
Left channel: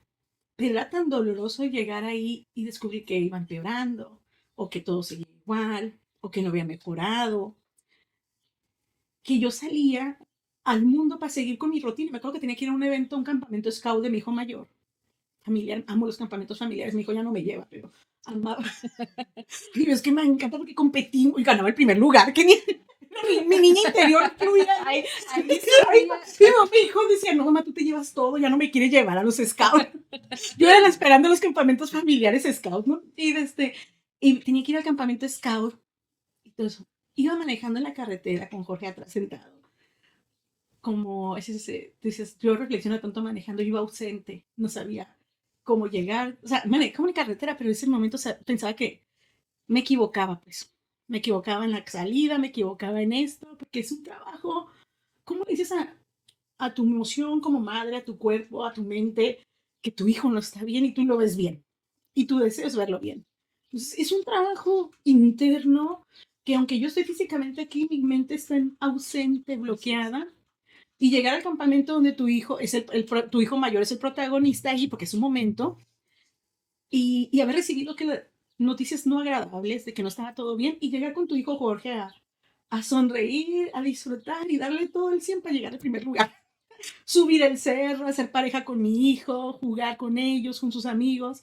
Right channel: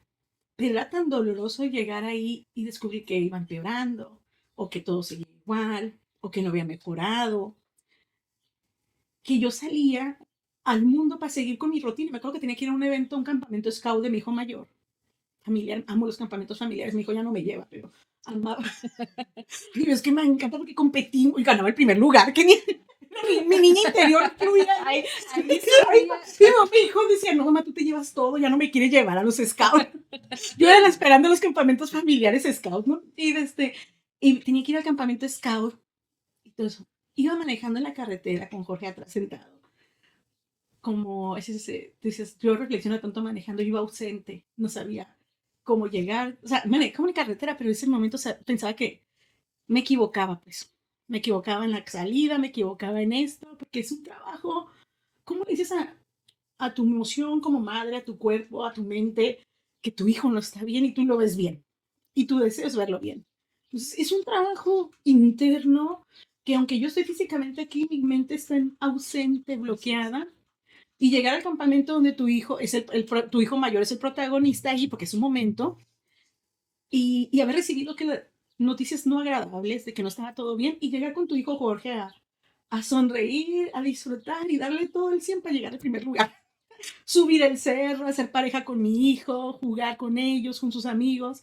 Era tan doloroso llegar ahí y descubrir que iba empeorando, o que todo seguía igual, o que no había mejorado, que yo salía al mundo para seguir con mi rutina. Me acuerdo que tenía que ir a un evento, a un campamento scout de mi hijo mayor. Familiar, amo los campamentos familiares, mi hijo ya no me lleva, pero amaba. Pero es que me encanta porque competí y ganaba el primer lugar. Que mi niña interior fluía. Ahí, ahí Sí, sabía. mi hijo decía, no, mamá, tú te llevas todo, ya no me quieres llevar a los scouts. Yo era la esperando los campamentos familiares scouts, ¿no? Y tenía que ir al campamento scout y todo eso. Iba manejando en la carretera con Jorge atrás sentado. Como, dices, yo reflexiono tanto manejando, yo iba ausente, no sabía cómo llegar. O sea, manejaba una carretera, pero en ese momento, o sea, pensaba que me equivocaba, pues. Me equivocaba en la salida, me equivocaba en esto, porque es un trabajo. ¿Cómo le dices a tu emoción como madre, a tu cuerpo, a tu mente, que tu hijo no está bien y tú lo ves bien? Y tú deseas verlo bien. Entonces, es un trabajo interno que aunque yo estoy físicamente aquí, mi mente está ausente, bloqueada. Y llegar al campamento donde tu hijo es tu hijo mayor es el protagonista ahí, porque es un momento, y haber recibido noticias no agradables de que no estaba todo bien, y llegar con tu hijo Jorge a sonreír, a disfrutar y darle todo el 100 para llegar al primer lugar. Subir el cerro, hacer pareja con mi hijo, jugar con ellos, con sus amigos,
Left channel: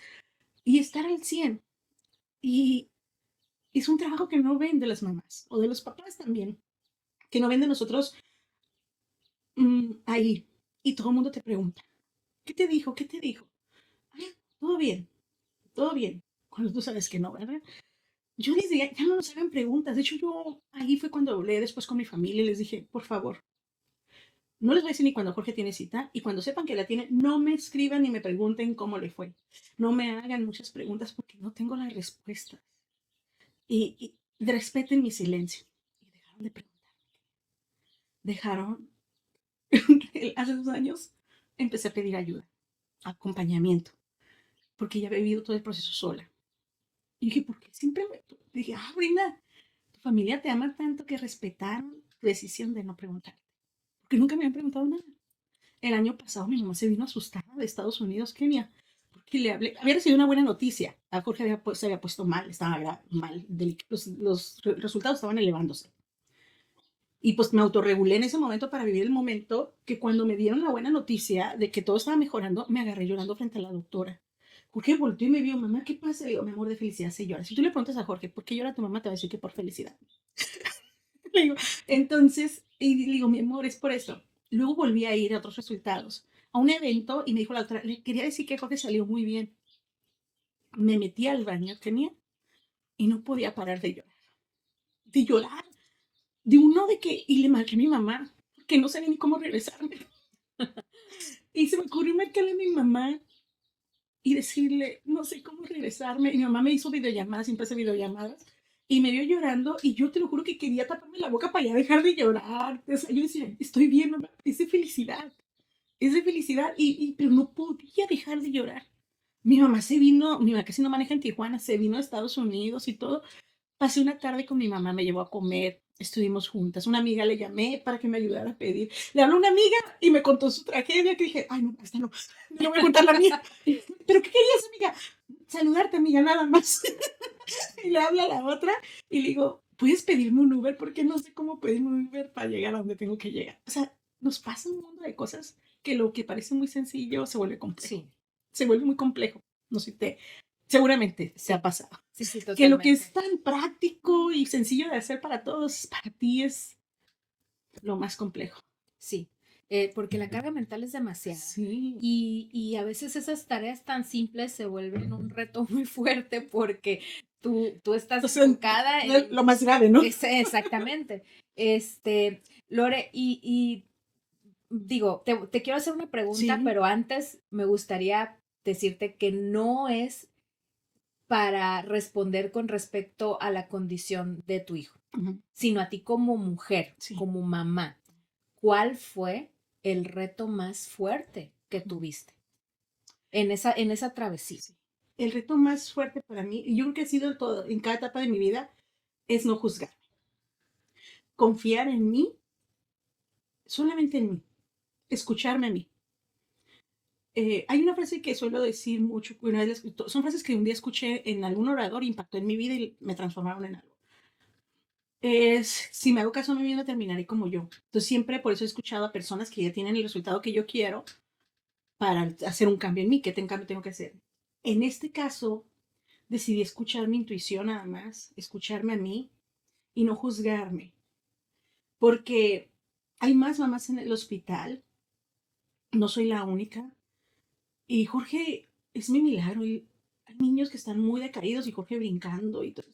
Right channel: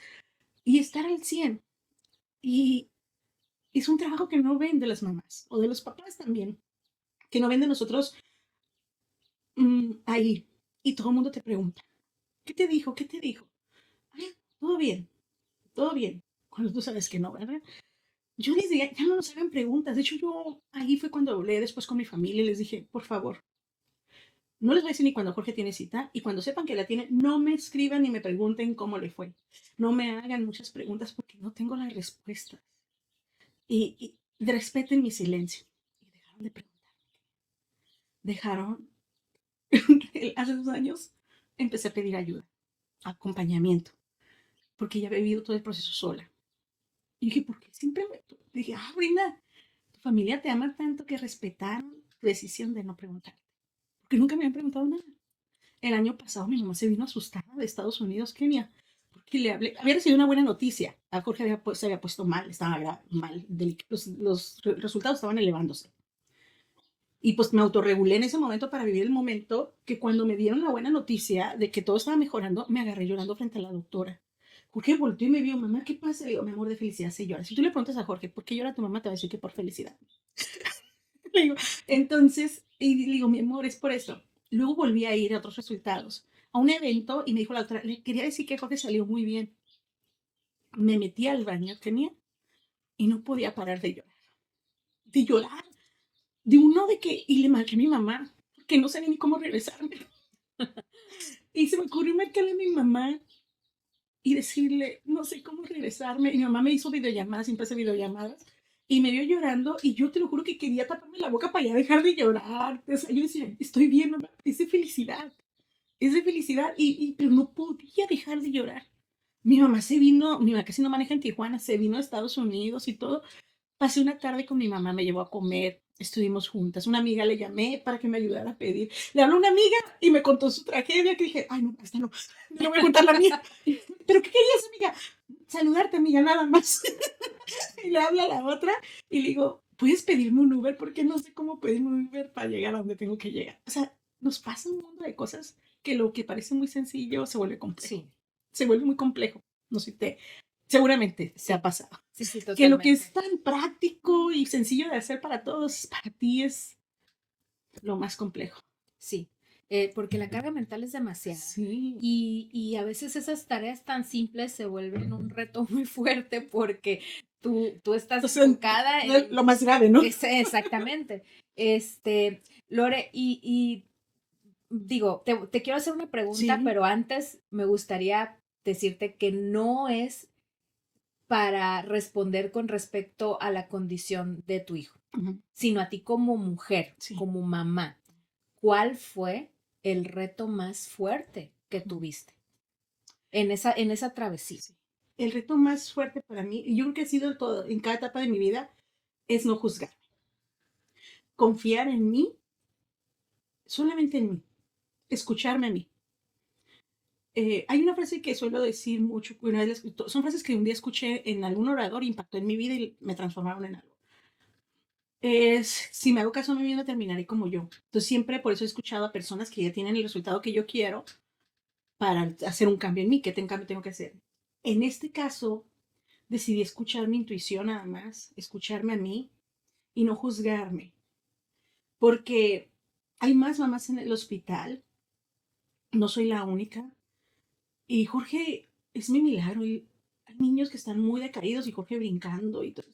y estar al 100. Y es un trabajo que no ven de las mamás, o de los papás también, que no ven de nosotros ahí. Y todo el mundo te pregunta, ¿qué te dijo? ¿Qué te dijo? "Ah, todo bien, todo bien". Cuando tú sabes que no, ¿verdad? Yo ya no nos hagan preguntas. De hecho, yo ahí fue cuando hablé después con mi familia y les dije, por favor, no les voy a decir ni cuando Jorge tiene cita, y cuando sepan que la tiene, no me escriban ni me pregunten cómo le fue. No me hagan muchas preguntas porque no tengo la respuesta. Y respeten mi silencio. Y dejaron de preguntar. Dejaron, hace 2 años, empecé a pedir ayuda, acompañamiento, porque ya había vivido todo el proceso sola. Y dije, ¿por qué siempre dije, Brenda, tu familia te ama tanto que respetaron tu decisión de no preguntar? Porque nunca me habían preguntado nada. El año pasado mi mamá se vino asustada de Estados Unidos, Kenia, porque le hablé, había recibido una buena noticia. A Jorge se había puesto mal, estaba mal, los resultados estaban elevándose. Y pues me autorregulé en ese momento para vivir el momento que cuando me dieron la buena noticia de que todo estaba mejorando, me agarré llorando frente a la doctora. Jorge volteó y me dijo, mamá, ¿qué pasa? Y yo, mi amor, de felicidad se llora. Si tú le preguntas a Jorge, ¿por qué llora tu mamá? Te va a decir que por felicidad. Entonces, y le digo, mi amor, es por eso. Luego volví a ir a otros resultados, a un evento, y me dijo la doctora, le quería decir que Jorge salió muy bien. Me metí al baño, tenía, y no podía parar de llorar. De llorar. De uno de que, y le marqué a mi mamá, que no sabía ni cómo regresarme. Y se me ocurrió marcarle a mi mamá y decirle, no sé cómo regresarme. Y mi mamá me hizo videollamadas, siempre hace videollamadas. Y me vio llorando y yo te lo juro que quería taparme la boca para ya dejar de llorar. O sea, yo decía, estoy bien, mamá, es de felicidad, pero no podía dejar de llorar. Mi mamá se vino, mi mamá casi no maneja en Tijuana, se vino a Estados Unidos y todo. Pasé una tarde con mi mamá, me llevó a comer, estuvimos juntas. Una amiga le llamé para que me ayudara a pedir. Le habló una amiga y me contó su tragedia, que dije, ay, no, esta no, no le voy a contar la mía. ¿Pero qué querías, amiga? Saludarte, amiga, nada más. Y le habla a la otra y le digo, ¿puedes pedirme un Uber? Porque no sé cómo pedirme un Uber para llegar a donde tengo que llegar. O sea, nos pasa un mundo de cosas que lo que parece muy sencillo se vuelve complejo. Sí, Se vuelve muy complejo. No sé, seguramente se ha pasado. sí, sí, Que lo que totalmente. es tan práctico y sencillo de hacer para todos, para ti es lo más complejo. Sí, porque la carga mental es demasiada. Sí. Y a veces esas tareas tan simples se vuelven un reto muy fuerte porque tú estás O sea, enfocada no es en... lo más grave, ¿no? Exactamente. Lore, y digo, te quiero hacer una pregunta, Sí. pero antes me gustaría decirte que no es para responder con respecto a la condición de tu hijo, Ujú. sino a ti como mujer, Sí. como mamá. ¿Cuál fue el reto más fuerte que tuviste en esa travesía? Sí. El reto más fuerte para mí, y yo creo que ha sido todo, en cada etapa de mi vida, es no juzgar. Confiar en mí, solamente en mí. Escucharme a mí. Hay una frase que suelo decir mucho, son frases que un día escuché en algún orador, impactó en mi vida y me transformaron en algo. Es, si me hago caso a mí mismo, terminaré como yo. Entonces siempre por eso he escuchado a personas que ya tienen el resultado que yo quiero para hacer un cambio en mí, que cambio tengo que hacer. En este caso, decidí escuchar mi intuición nada más, escucharme a mí y no juzgarme. Porque hay más mamás en el hospital, no soy la única. Y Jorge es mi milagro. Hay niños que están muy decaídos y Jorge brincando y todo.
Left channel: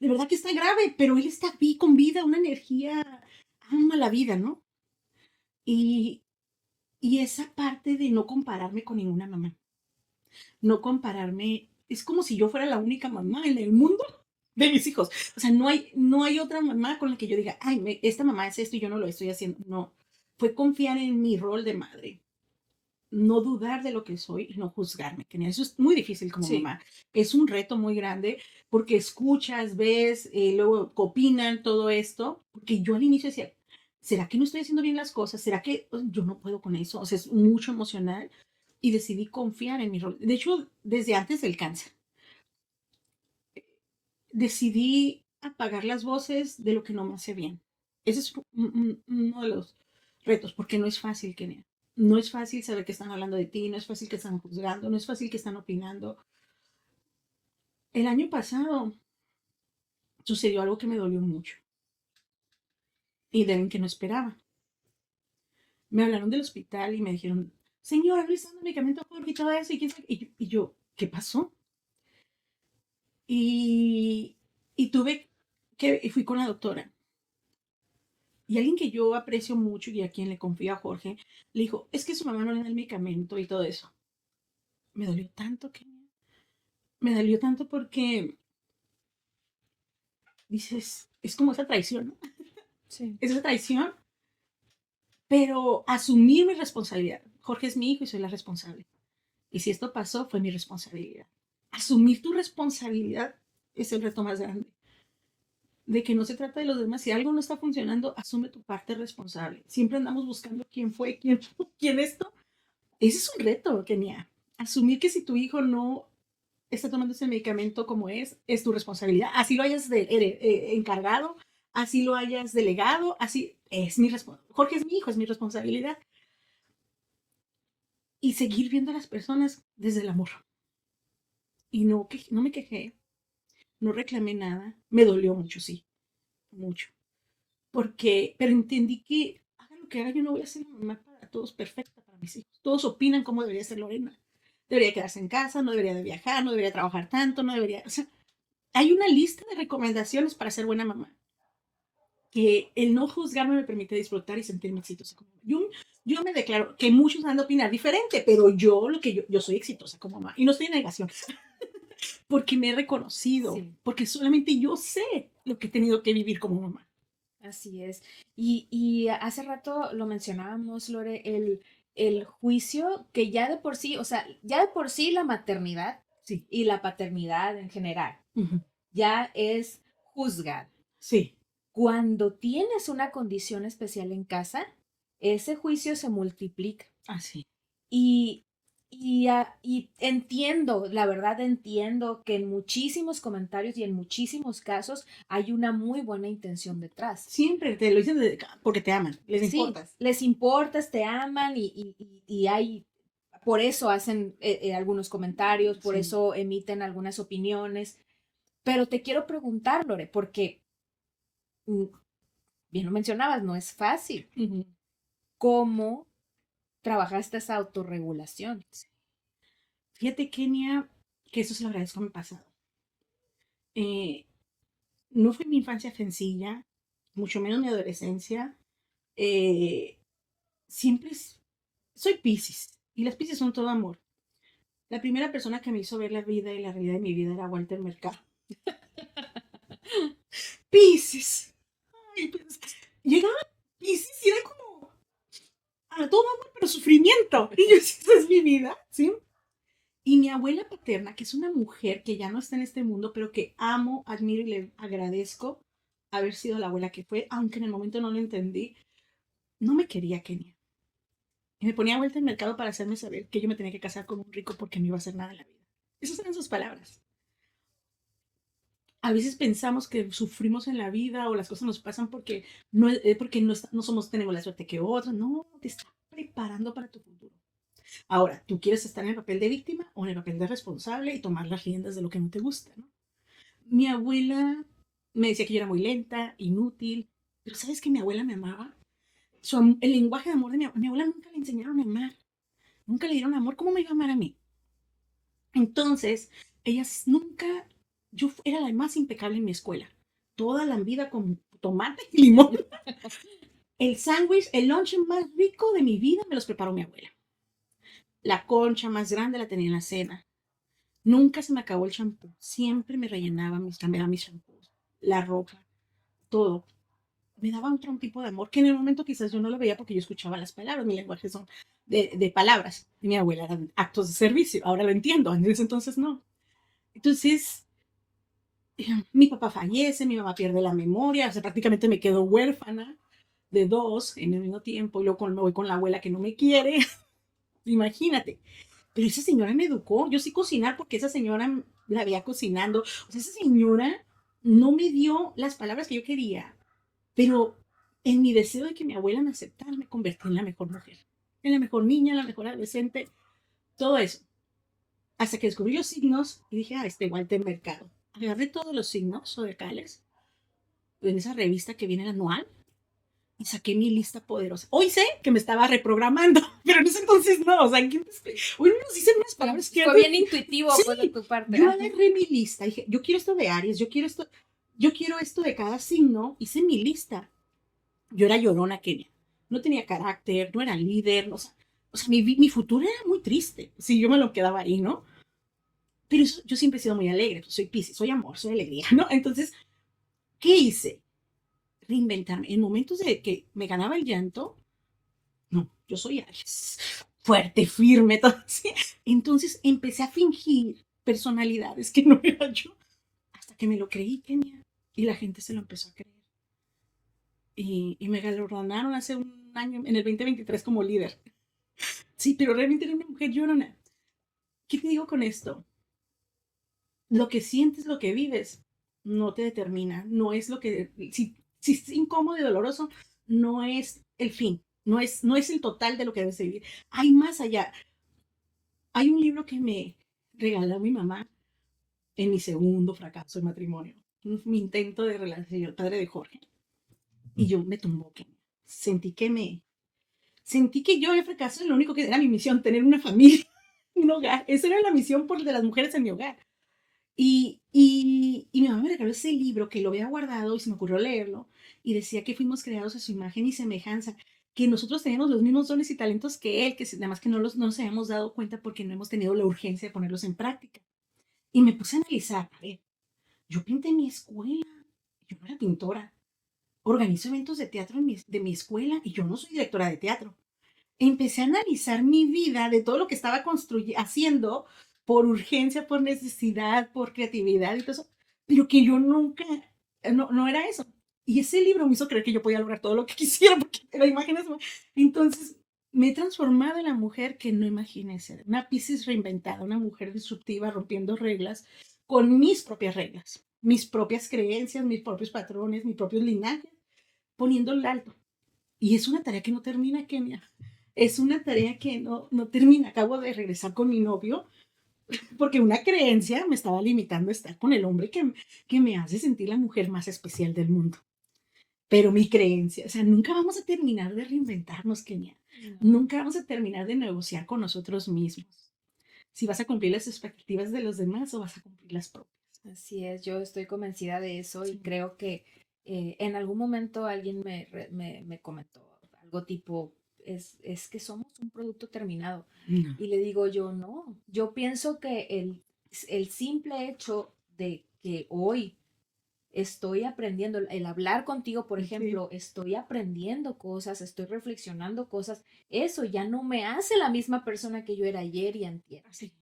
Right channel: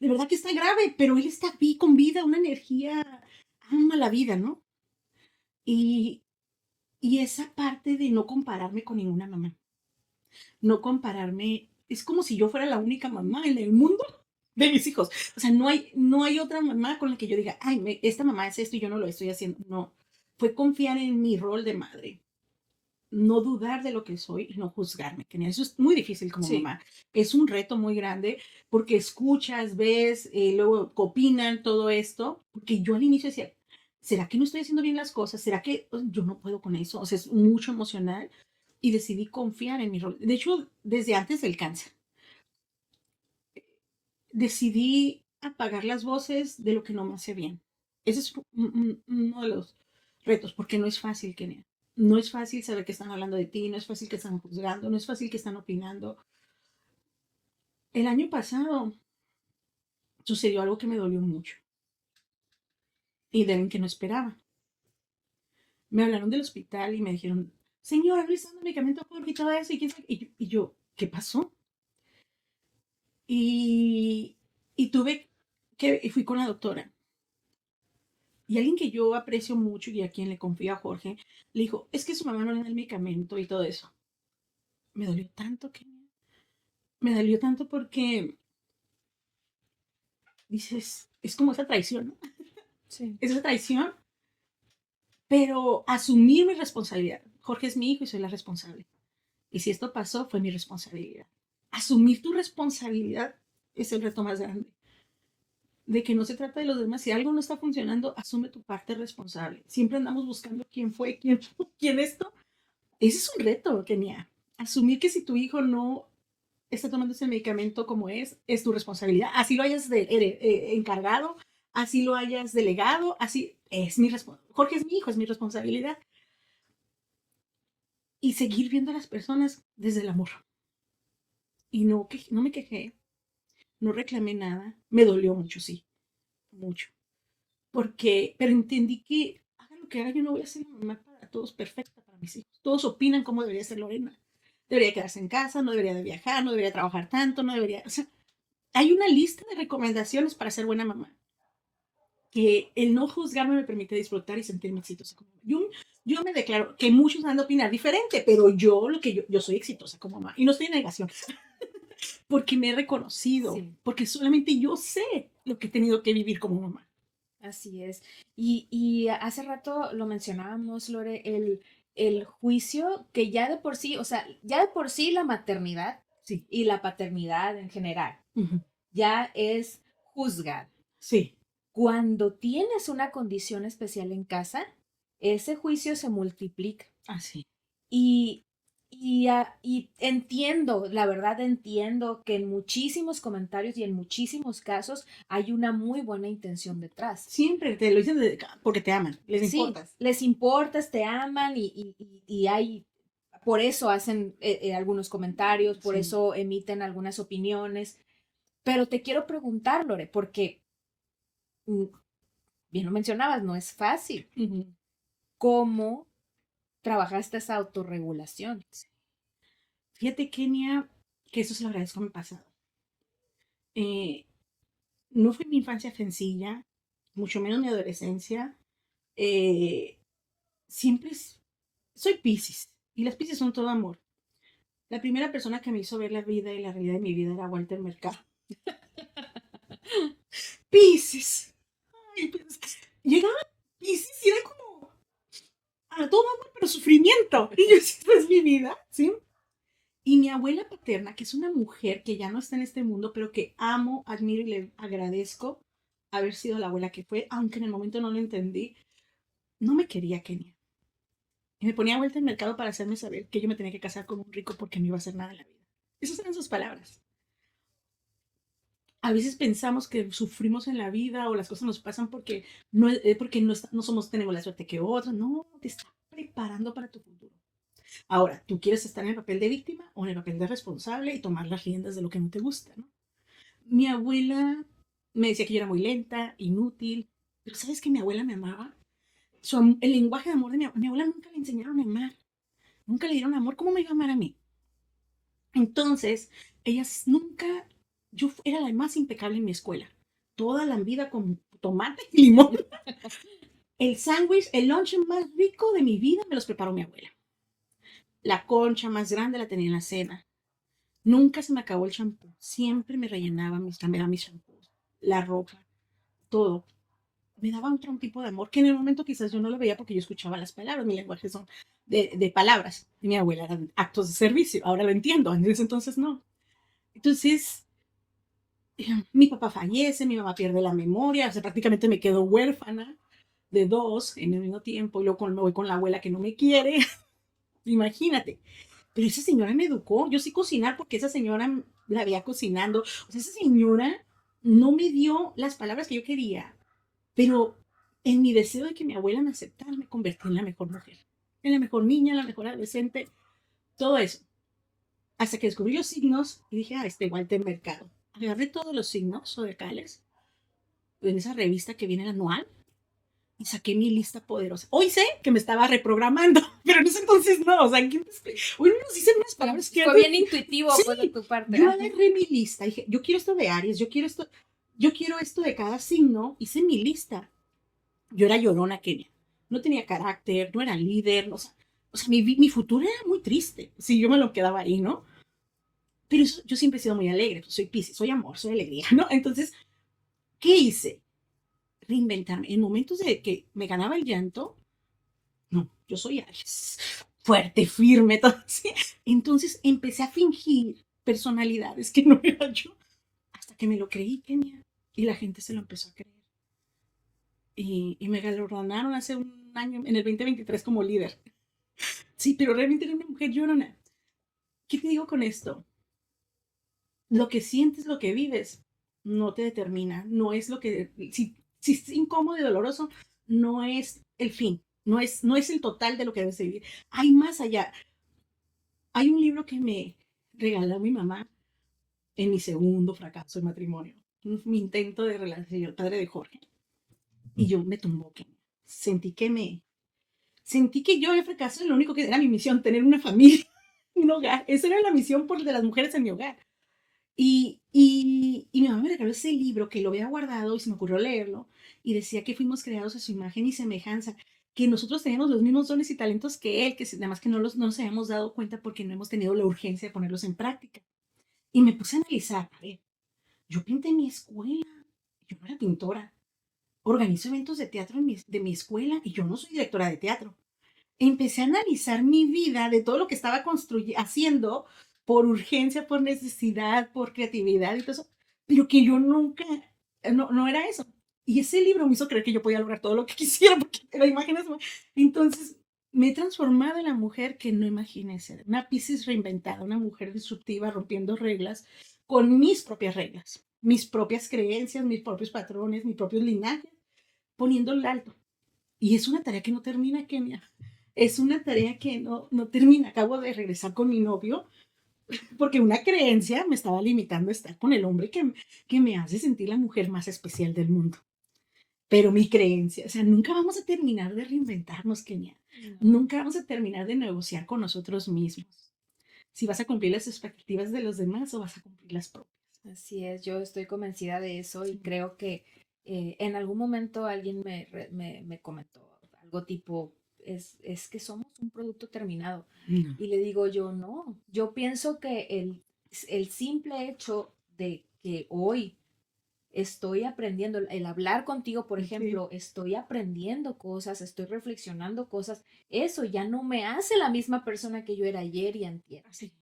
De verdad que está grave, pero él está con vida, una energía, ama la vida, ¿no? Y, y esa parte de no compararme con ninguna mamá, no compararme, es como si yo fuera la única mamá en el mundo de mis hijos. O sea, no hay otra mamá con la que yo diga, ay, esta mamá es esto y yo no lo estoy haciendo. No, fue confiar en mi rol de madre, no dudar de lo que soy y no juzgarme. Que eso es muy difícil como Sí. mamá. Es un reto muy grande porque escuchas, ves, luego opinan todo esto. Porque yo al inicio decía, ¿será que no estoy haciendo bien las cosas? ¿Será que yo no puedo con eso? O sea, es mucho emocional y decidí confiar en mi rol. De hecho, desde antes del cáncer, decidí apagar las voces de lo que no me hace bien. Ese es uno de los retos, porque no es fácil, Kenia. No es fácil saber que están hablando de ti, no es fácil que están juzgando, no es fácil que están opinando. El año pasado sucedió algo que me dolió mucho y de que no esperaba. Me hablaron del hospital y me dijeron, señora, no está dando medicamento y todo eso. Y yo, ¿qué pasó? Y, y alguien que yo aprecio mucho y a quien le confío a Jorge, le dijo, es que su mamá no le da el medicamento y todo eso. Me dolió tanto que... Me dolió tanto porque dices, es como esa traición, ¿no? Sí. Esa traición, pero asumir mi responsabilidad. Jorge es mi hijo y soy la responsable. Y si esto pasó, fue mi responsabilidad. Asumir tu responsabilidad es el reto más grande. De que no se trata de los demás. Si algo no está funcionando, asume tu parte responsable. Siempre andamos buscando quién fue, quién esto. Ese es un reto, Kenia. Asumir que si tu hijo no está tomando ese medicamento como es tu responsabilidad. Así lo hayas encargado, así lo hayas delegado, así es mi responsabilidad. Jorge es mi hijo, es mi responsabilidad. Y seguir viendo a las personas desde el amor. Y no me quejé, no reclamé nada. Me dolió mucho, sí, mucho. Pero entendí que haga lo que haga, yo no voy a ser la mamá para todos perfecta para mis hijos. Todos opinan cómo debería ser Lorena. Debería quedarse en casa, no debería de viajar, no debería trabajar tanto, no debería... Así. Hay una lista de recomendaciones para ser buena mamá. que el no juzgarme me permite disfrutar y sentirme exitosa. Yo me declaro que muchos van a opinar diferente, pero yo soy exitosa como mamá. Y no estoy en negación, porque me he reconocido, Sí. porque solamente yo sé lo que he tenido que vivir como mamá. Así es. Y hace rato lo mencionábamos, Lore, el juicio que ya de por sí, o sea, ya de por sí la maternidad Sí. y la paternidad en general Ujú. ya es juzgar. Sí. Cuando tienes una condición especial en casa, ese juicio se multiplica. Así. Y, y entiendo, la verdad entiendo que en muchísimos comentarios y en muchísimos casos hay una muy buena intención detrás. Siempre te lo dicen porque te aman, les Sí, importas. les importas, te aman y hay, por eso hacen algunos comentarios, por Sí. eso emiten algunas opiniones. Pero te quiero preguntar, Lore, porque mm, bien lo mencionabas, no es fácil. Ujú. ¿Cómo trabajaste esa autorregulación? Fíjate, Kenia, que eso se lo agradezco a mi pasado. Eh, no fue mi infancia sencilla, mucho menos mi adolescencia. Eh, siempre soy Piscis, y los Piscis son todo amor. La primera persona que me hizo ver la vida y la realidad de mi vida era Walter Mercado. Piscis. Ay, pero es que llegaba Piscis y era como a todo amor, pero sufrimiento. Y yo, esa es mi vida, ¿sí? Y mi abuela paterna, que es una mujer que ya no está en este mundo, pero que amo, admiro y le agradezco haber sido la abuela que fue, aunque en el momento no lo entendí, no me quería, Kenia. Y me ponía vuelta al mercado para hacerme saber que yo me tenía que casar con un rico porque no iba a hacer nada en la vida. Esas eran sus palabras. A veces pensamos que sufrimos en la vida o las cosas nos pasan porque no somos, tenemos la suerte que otros. No, te está preparando para tu futuro. Ahora, tú quieres estar en el papel de víctima o en el papel de responsable y tomar las riendas de lo que no te gusta, ¿no? Mi abuela me decía que yo era muy lenta, inútil, pero ¿sabes que mi abuela me amaba? El lenguaje de amor de mi abuela nunca le enseñaron a amar, nunca le dieron amor. ¿Cómo me iba a amar a mí? Entonces, ellas nunca, era la más impecable en mi escuela, toda la vida con tomate y limón. El sándwich, el lunch más rico de mi vida me los preparó mi abuela. La concha más grande la tenía en la cena. Nunca se me acabó el champú. Siempre me rellenaba cambiaba mis champús, la ropa, todo. Me daba otro tipo de amor que en el momento quizás yo no lo veía porque yo escuchaba las palabras. Mi lenguaje son de palabras. Y mi abuela eran actos de servicio. Ahora lo entiendo. En ese entonces no. Entonces, mi papá fallece, mi mamá pierde la memoria. O sea, prácticamente me quedo huérfana de dos en el mismo tiempo. Y luego me voy con la abuela que no me quiere. Imagínate. Pero esa señora me educó. Yo sé cocinar porque esa señora la veía cocinando. O sea, esa señora no me dio las palabras que yo quería, pero en mi deseo de que mi abuela me aceptara, me convertí en la mejor mujer, en la mejor niña, en la mejor adolescente, todo eso. Hasta que descubrí los signos y dije, este Walter Mercado. Agarré todos los signos zodiacales en esa revista que viene anual y saqué mi lista poderosa. Hoy sé que me estaba reprogramando, pero en ese entonces no. O sea, hoy nos dicen unas palabras que Fue antes. bien intuitivo, Sí, pues, de tu parte. yo agarré mi lista. Dije, yo quiero esto de Aries, yo quiero esto de cada signo. Hice mi lista. Yo era llorona, Kenia. No tenía carácter, no era líder. O sea mi futuro era muy triste. Si yo me lo quedaba ahí, ¿no? Pero yo siempre he sido muy alegre. Pues soy Piscis, soy amor, soy alegría, ¿no? Entonces, ¿qué hice? Reinventarme. En momentos de que me ganaba el llanto, no, yo soy Aries. Fuerte, firme, todo así. Entonces empecé a fingir personalidades que no era yo. Hasta que me lo creí, Kenia. Y la gente se lo empezó a creer. Y me galardonaron hace un año, en el 2023, como líder. Sí, pero realmente era una mujer llorona. ¿Qué te digo con esto? Lo que sientes, lo que vives, no te determina. No es lo que. Si es incómodo y doloroso, no es el fin. No es el total de lo que debes vivir. Hay más allá. Hay un libro que me regaló mi mamá en mi segundo fracaso de matrimonio. Mi intento de relación, el padre de Jorge. Y yo me tumbó. Sentí que yo había fracasado en lo único que era mi misión, tener una familia, un hogar. Esa era la misión de las mujeres en mi hogar. Y mi mamá me regaló ese libro que lo había guardado y se me ocurrió leerlo y decía que fuimos creados a su imagen y semejanza, que nosotros tenemos los mismos dones y talentos que él, nada más que no nos habíamos dado cuenta porque no hemos tenido la urgencia de ponerlos en práctica. Y me puse a analizar, a ver, yo pinté en mi escuela, yo no era pintora, organizo eventos de teatro de mi escuela y yo no soy directora de teatro. Empecé a analizar mi vida de todo lo que estaba haciendo por urgencia, por necesidad, por creatividad y todo eso, pero que yo nunca, no era eso. Y ese libro me hizo creer que yo podía lograr todo lo que quisiera, porque la imagen es... Entonces, me he transformado en la mujer que no imaginé ser, una Piscis reinventada, una mujer disruptiva, rompiendo reglas, con mis propias reglas, mis propias creencias, mis propios patrones, mis propios linajes, poniéndole alto. Y es una tarea que no termina, Kenia. Es una tarea que no termina. Acabo de regresar con mi novio porque una creencia me estaba limitando a estar con el hombre que me hace sentir la mujer más especial del mundo. Pero mi creencia, o sea, nunca vamos a terminar de reinventarnos, Kenia. No. Nunca vamos a terminar de negociar con nosotros mismos. Si vas a cumplir las expectativas de los demás o vas a cumplir las propias. Así es, yo estoy convencida de eso y Sí. creo que en algún momento alguien me comentó algo tipo, es que somos un producto terminado. No. Y le digo yo, no, yo pienso que el simple hecho de que hoy estoy aprendiendo, el hablar contigo, por Sí. ejemplo, estoy aprendiendo cosas, estoy reflexionando cosas, eso ya no me hace la misma persona que yo era ayer y antier. Sí.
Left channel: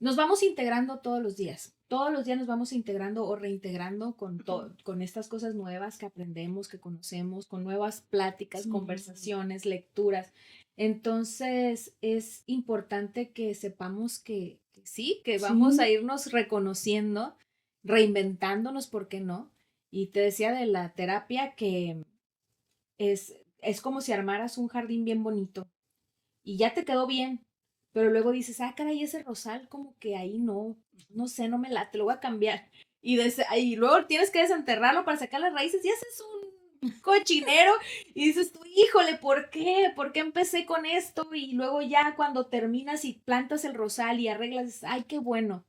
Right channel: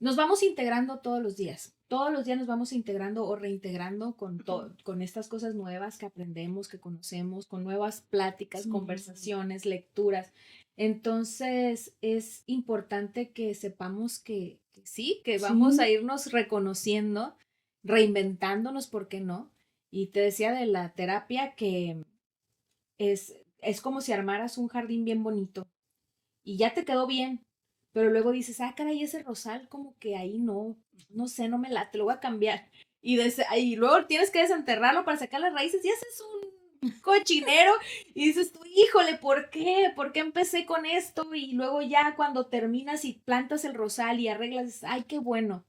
Nos vamos integrando todos los días nos vamos integrando o reintegrando con estas cosas nuevas que aprendemos, que conocemos, con nuevas pláticas, Sí. conversaciones, lecturas. Entonces es importante que sepamos que sí, que vamos a Sí. irnos reconociendo, reinventándonos, ¿por qué no? Y te decía de la terapia que es como si armaras un jardín bien bonito y ya te quedó bien, pero luego dices, ah, caray, ese rosal como que ahí no sé, no me late, lo voy a cambiar. Y luego tienes que desenterrarlo para sacar las raíces y haces un cochinero y dices tú, híjole, ¿por qué? ¿Por qué empecé con esto? Y luego ya cuando terminas y plantas el rosal y arreglas, dices, ay, qué bueno.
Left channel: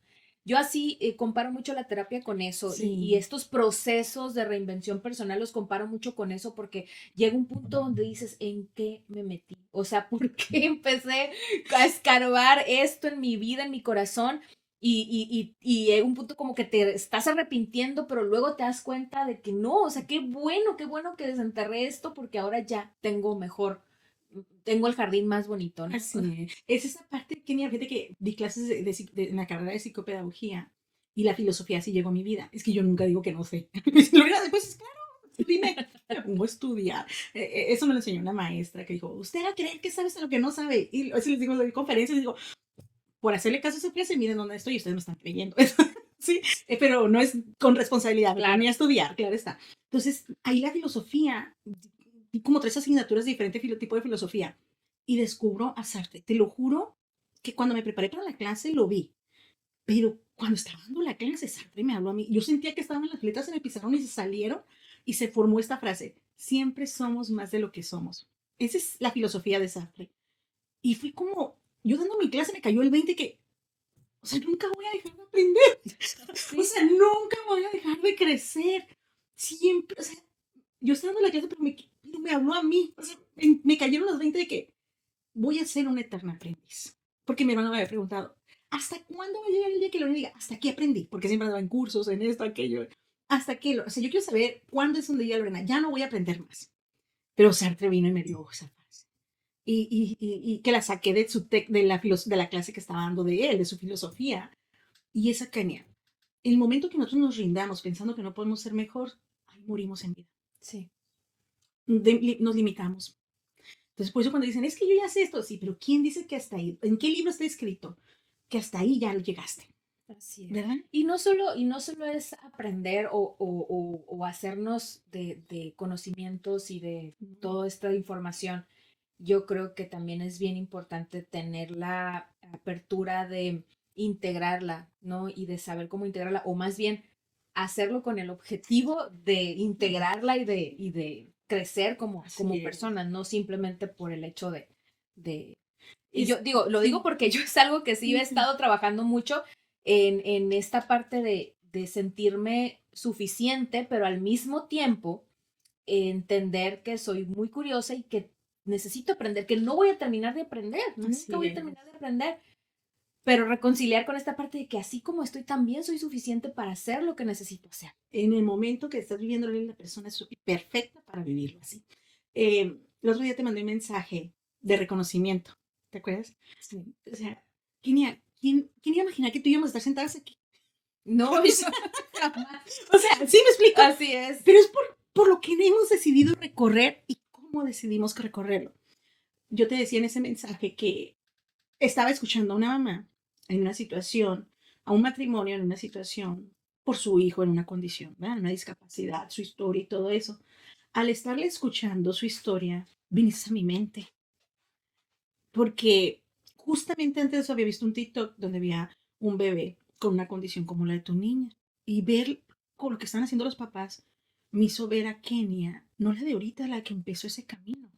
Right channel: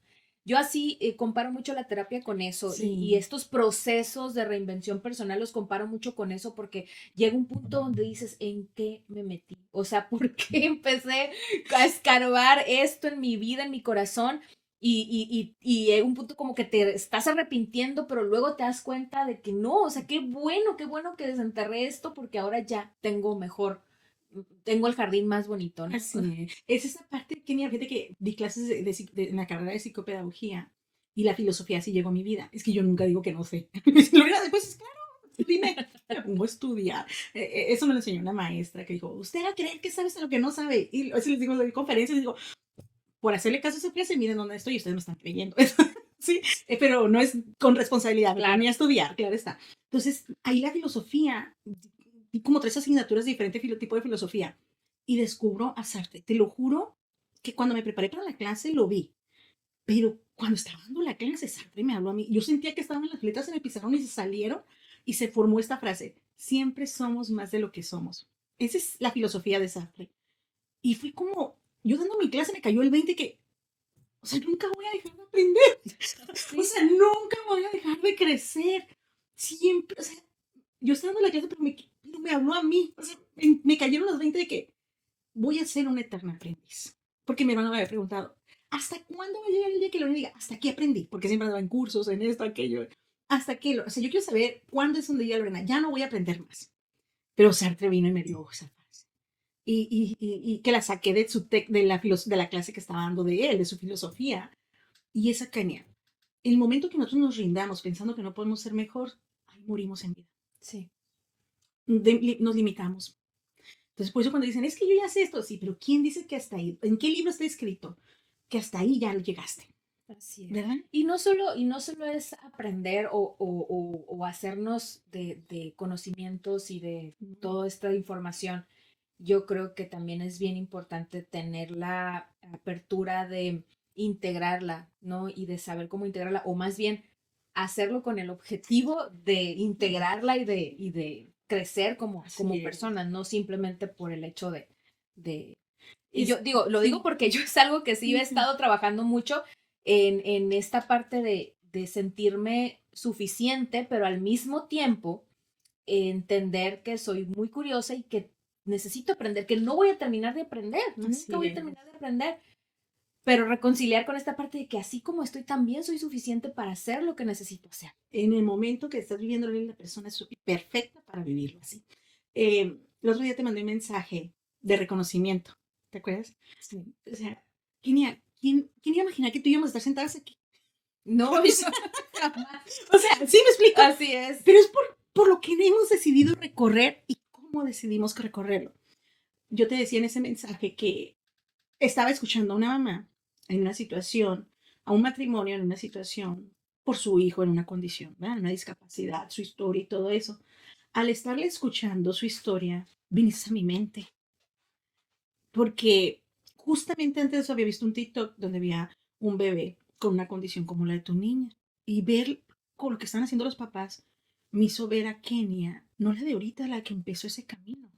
Yo así comparo mucho la terapia con eso y Sí. estos procesos de reinvención personal los comparo mucho con eso porque llega un punto donde dices, ¿en qué me metí? O sea, ¿por qué empecé a escarbar esto en mi vida, en mi corazón? Y un punto como que te estás arrepintiendo, pero luego te das cuenta de que no, o sea, qué bueno que desenterré esto porque ahora ya tengo el jardín más bonito, ¿no? Así es esa parte que fíjate que di clases en la carrera de psicopedagogía y la filosofía así llegó a mi vida. Es que yo nunca digo que no sé. Si lo hubiera después, es claro, dime, me pongo a estudiar. Eso me lo enseñó una maestra que dijo, usted va a creer que sabes lo que no sabe. Y a veces les digo, doy conferencias y digo, por hacerle caso a esa clase, miren dónde estoy y ustedes me están creyendo. Sí, pero no es con responsabilidad, me Claro. ponía a estudiar, claro está. Entonces, ahí la filosofía, y como tres asignaturas de diferente tipo de filosofía, y descubro a Sartre. Te lo juro que cuando me preparé para la clase lo vi, pero cuando estaba dando la clase, Sartre me habló a mí. Yo sentía que estaban las letras en el pizarrón y se salieron y se formó esta frase, siempre somos más de lo que somos. Esa es la filosofía de Sartre. Y fue como, yo dando mi clase me cayó el 20 que, o sea, nunca voy a dejar de aprender. Sí. O sea, nunca voy a dejar de crecer. Siempre, o sea, yo estaba dando la clase, pero me habló a mí. O sea, me cayeron los 20 de que voy a ser una eterna aprendiz. Porque mi hermano me había preguntado, ¿hasta cuándo va a llegar el día que lo diga? ¿Hasta qué aprendí? Porque siempre andaba en cursos, en esto, aquello. ¿Hasta qué? O sea, yo quiero saber cuándo es un día, Lorena, ya no voy a aprender más. Pero Sartre vino y me dio esa frase. Y que la saqué de la clase que estaba dando de él, de su filosofía. Y esa caña. El momento que nosotros nos rindamos pensando que no podemos ser mejor, ahí morimos en vida. Sí. Nos limitamos. Entonces, por eso cuando dicen, es que yo ya sé esto, sí, pero ¿quién dice que hasta ahí? ¿En qué libro está escrito? Que hasta ahí ya llegaste. Así es. ¿Verdad? Y no solo es aprender o hacernos de conocimientos y de toda esta información. Yo creo que también es bien importante tener la apertura de integrarla, ¿no? Y de saber cómo integrarla, o más bien hacerlo con el objetivo de integrarla y de crecer como Así es. persona, no simplemente por el hecho de... Y Es, yo digo, lo digo sí, porque yo es algo que sí yo he sí, estado trabajando mucho en esta parte de sentirme suficiente, pero al mismo tiempo entender que soy muy curiosa y que necesito aprender, que no voy a terminar de aprender, nunca voy a terminar de aprender, pero reconciliar con esta parte de que así como estoy, también soy suficiente para hacer lo que necesito hacer. En el momento que estás viviendo la persona es perfecta para vivirlo así. El otro día te mandé un mensaje de reconocimiento, ¿te acuerdas? Sí. O sea, ¿quién iba a imaginar que tú íbamos a estar sentados aquí? No, O sea, sí me explico. así es. Pero es por lo que hemos decidido recorrer y cómo decidimos recorrerlo. Yo te decía en ese mensaje que estaba escuchando a una mamá en una situación, a un matrimonio en una situación, por su hijo en una condición, ¿verdad? Una discapacidad, su historia y todo eso. Al estarle escuchando su historia, viniste a mi mente. Porque justamente antes de eso había visto un TikTok donde había un bebé con una condición como la de tu niña. Y ver con lo que están haciendo los papás me hizo ver a Kenia, no la de ahorita, la que empezó ese camino.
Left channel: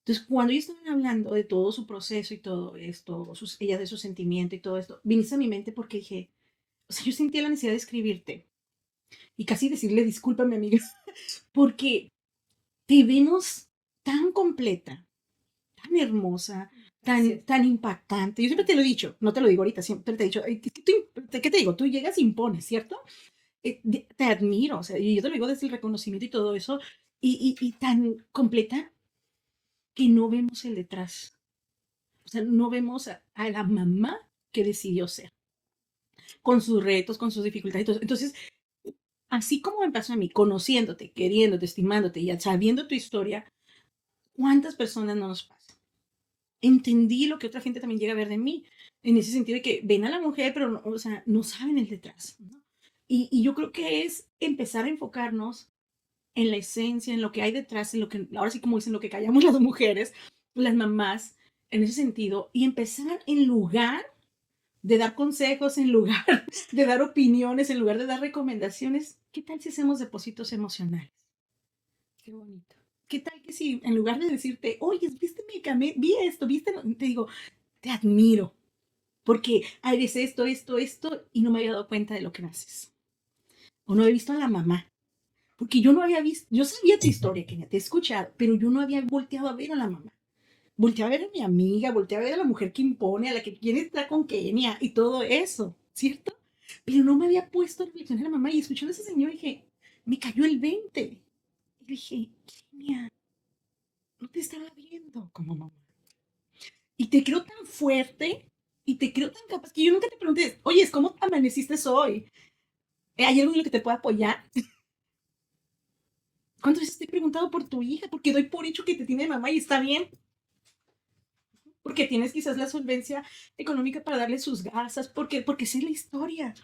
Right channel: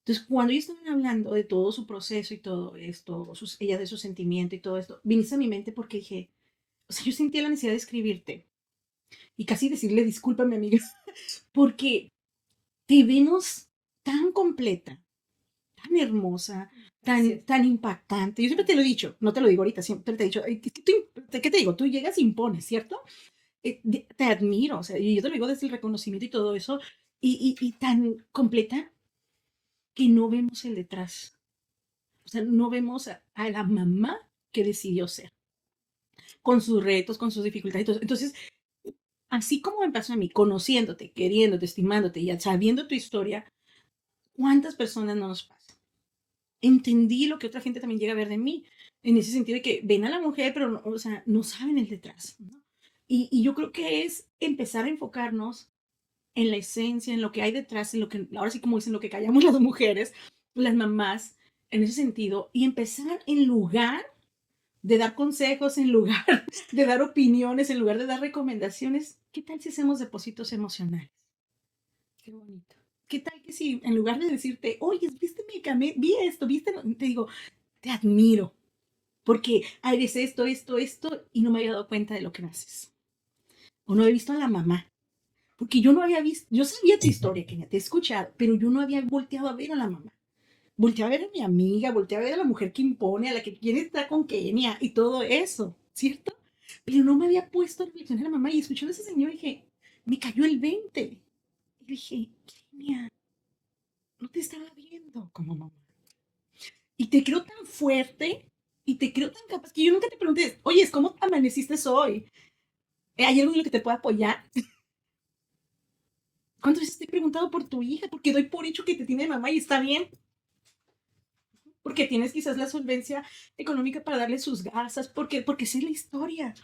Entonces, cuando ellos estaban hablando de todo su proceso y todo esto, ella de su sentimiento y todo esto, viniste a mi mente porque dije, o sea, yo sentía la necesidad de escribirte y casi decirle, discúlpame, amiga, porque te vimos tan completa, tan hermosa, tan impactante. Yo siempre te lo he dicho, no te lo digo ahorita, siempre te he dicho, ¿qué te digo? Tú llegas y impones, ¿cierto? Te admiro, o sea, y yo te lo digo desde el reconocimiento y todo eso, y tan completa que no vemos el detrás. O sea, no vemos a la mamá que decidió ser, con sus retos, con sus dificultades. Entonces, así como me pasó a mí, conociéndote, queriéndote, estimándote y sabiendo tu historia, ¿cuántas personas no nos pasa? Entendí lo que otra gente también llega a ver de mí, en ese sentido de que ven a la mujer, pero no, o sea, no saben el detrás, ¿no? Y yo creo que es empezar a enfocarnos en la esencia, en lo que hay detrás, en lo que, ahora sí como dicen, lo que callamos las mujeres, las mamás, en ese sentido, y empezar en lugar de dar consejos, en lugar de dar opiniones, en lugar de dar recomendaciones, ¿qué tal si hacemos depósitos emocionales? Qué bonito. ¿Qué tal que si en lugar de decirte, oye, viste mi medicamento, vi esto, viste, te digo, te admiro, porque hay veces esto, y no me había dado cuenta de lo que haces. O no he visto a la mamá, porque yo no había visto, yo sabía tu historia, que ya te he escuchado, pero yo no había volteado a ver a la mamá. Volteé a ver a mi amiga, volteé a ver a la mujer que impone, a la que quiere estar con Kenia y todo eso, ¿cierto? Pero no me había puesto a reflexionar a la mamá y escuchando a ese señor dije, me cayó el 20. Y dije, Kenia, no te estaba viendo como mamá. Y te creo tan fuerte y te creo tan capaz que yo nunca te pregunté, oye, ¿cómo amaneciste hoy? ¿Hay algo en lo que te pueda apoyar? ¿Cuántas veces te he preguntado por tu hija? Porque doy por hecho que te tiene mamá y está bien. Porque tienes quizás la solvencia económica para darle sus gasas, porque sé la historia.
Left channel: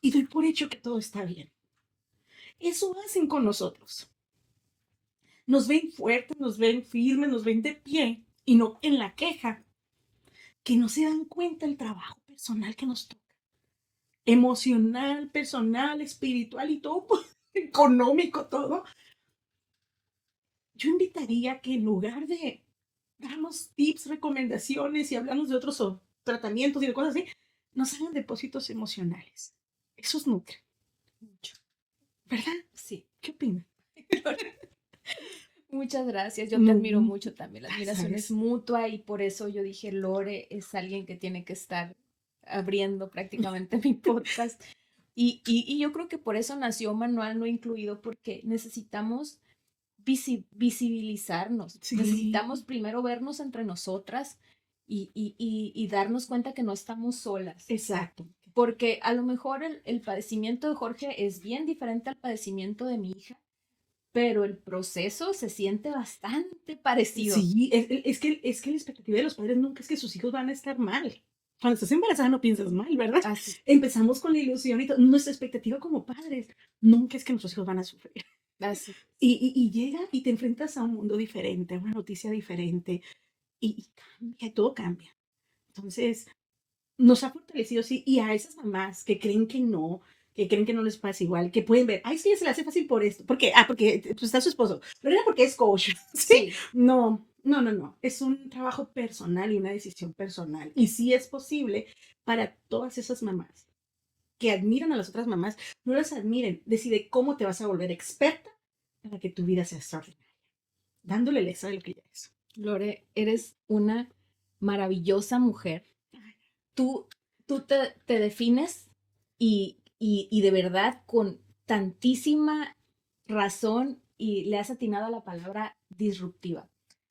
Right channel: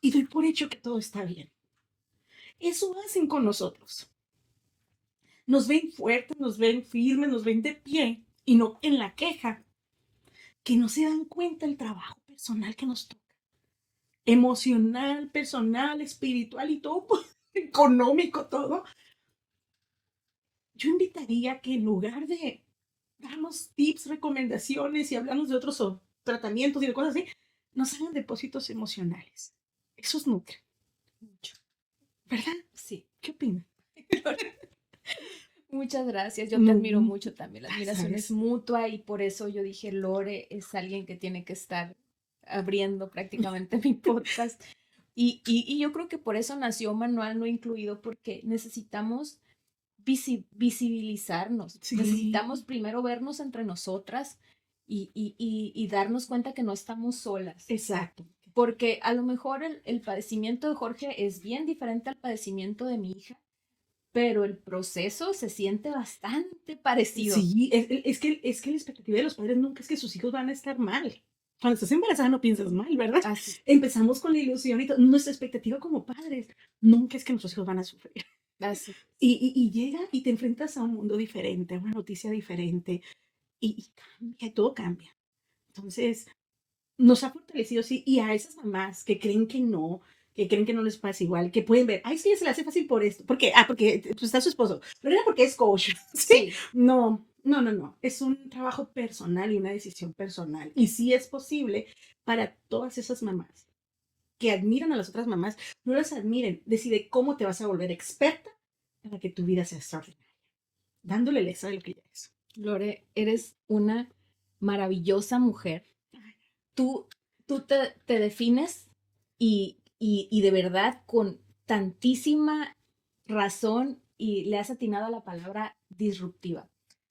Y doy por hecho que todo está bien. Eso hacen con nosotros. Nos ven fuertes, nos ven firmes, nos ven de pie y no en la queja. Que no se dan cuenta del trabajo personal que nos toca. Emocional, personal, espiritual y todo, económico, todo. Yo invitaría que en lugar de darnos tips, recomendaciones y hablarnos de otros tratamientos y de cosas así, nos hagan depósitos emocionales. Eso es nutri, ¿verdad? Sí. ¿Qué opinas? Muchas gracias, yo te admiro mucho también, la admiración ¿Sabes? es mutua y por eso yo dije, Lore es alguien que tiene que estar abriendo prácticamente mi podcast. Y yo creo que por eso nació Manual No Incluido, porque necesitamos visibilizarnos, Sí. necesitamos primero vernos entre nosotras y darnos cuenta que no estamos solas. Exacto. Porque a lo mejor el padecimiento de Jorge es bien diferente al padecimiento de mi hija, pero el proceso se siente bastante parecido. Sí, es que la expectativa de los padres nunca es que sus hijos van a estar mal. Cuando estás embarazada no piensas mal, ¿verdad? Así. Empezamos con la ilusión y nuestra expectativa como padres nunca es que nuestros hijos van a sufrir. Así. Y llega y te enfrentas a un mundo diferente, a una noticia diferente y cambia, todo cambia. Entonces, nos ha fortalecido, sí, y a esas mamás que creen que no les pasa igual, que pueden ver, ay, sí, se le hace fácil por esto. ¿Por qué? Ah, porque pues, está su esposo, pero era porque es coach. Sí. No. Es un trabajo personal y una decisión personal. Y sí es posible, para todas esas mamás que admiran a las otras mamás, no las admiren, decide cómo te vas a volver experta para que tu vida sea extraordinaria, dándole el extra de lo que ya es. Lore, eres una maravillosa mujer. Tú, tú te defines y de verdad con tantísima razón y le has atinado a la palabra disruptiva.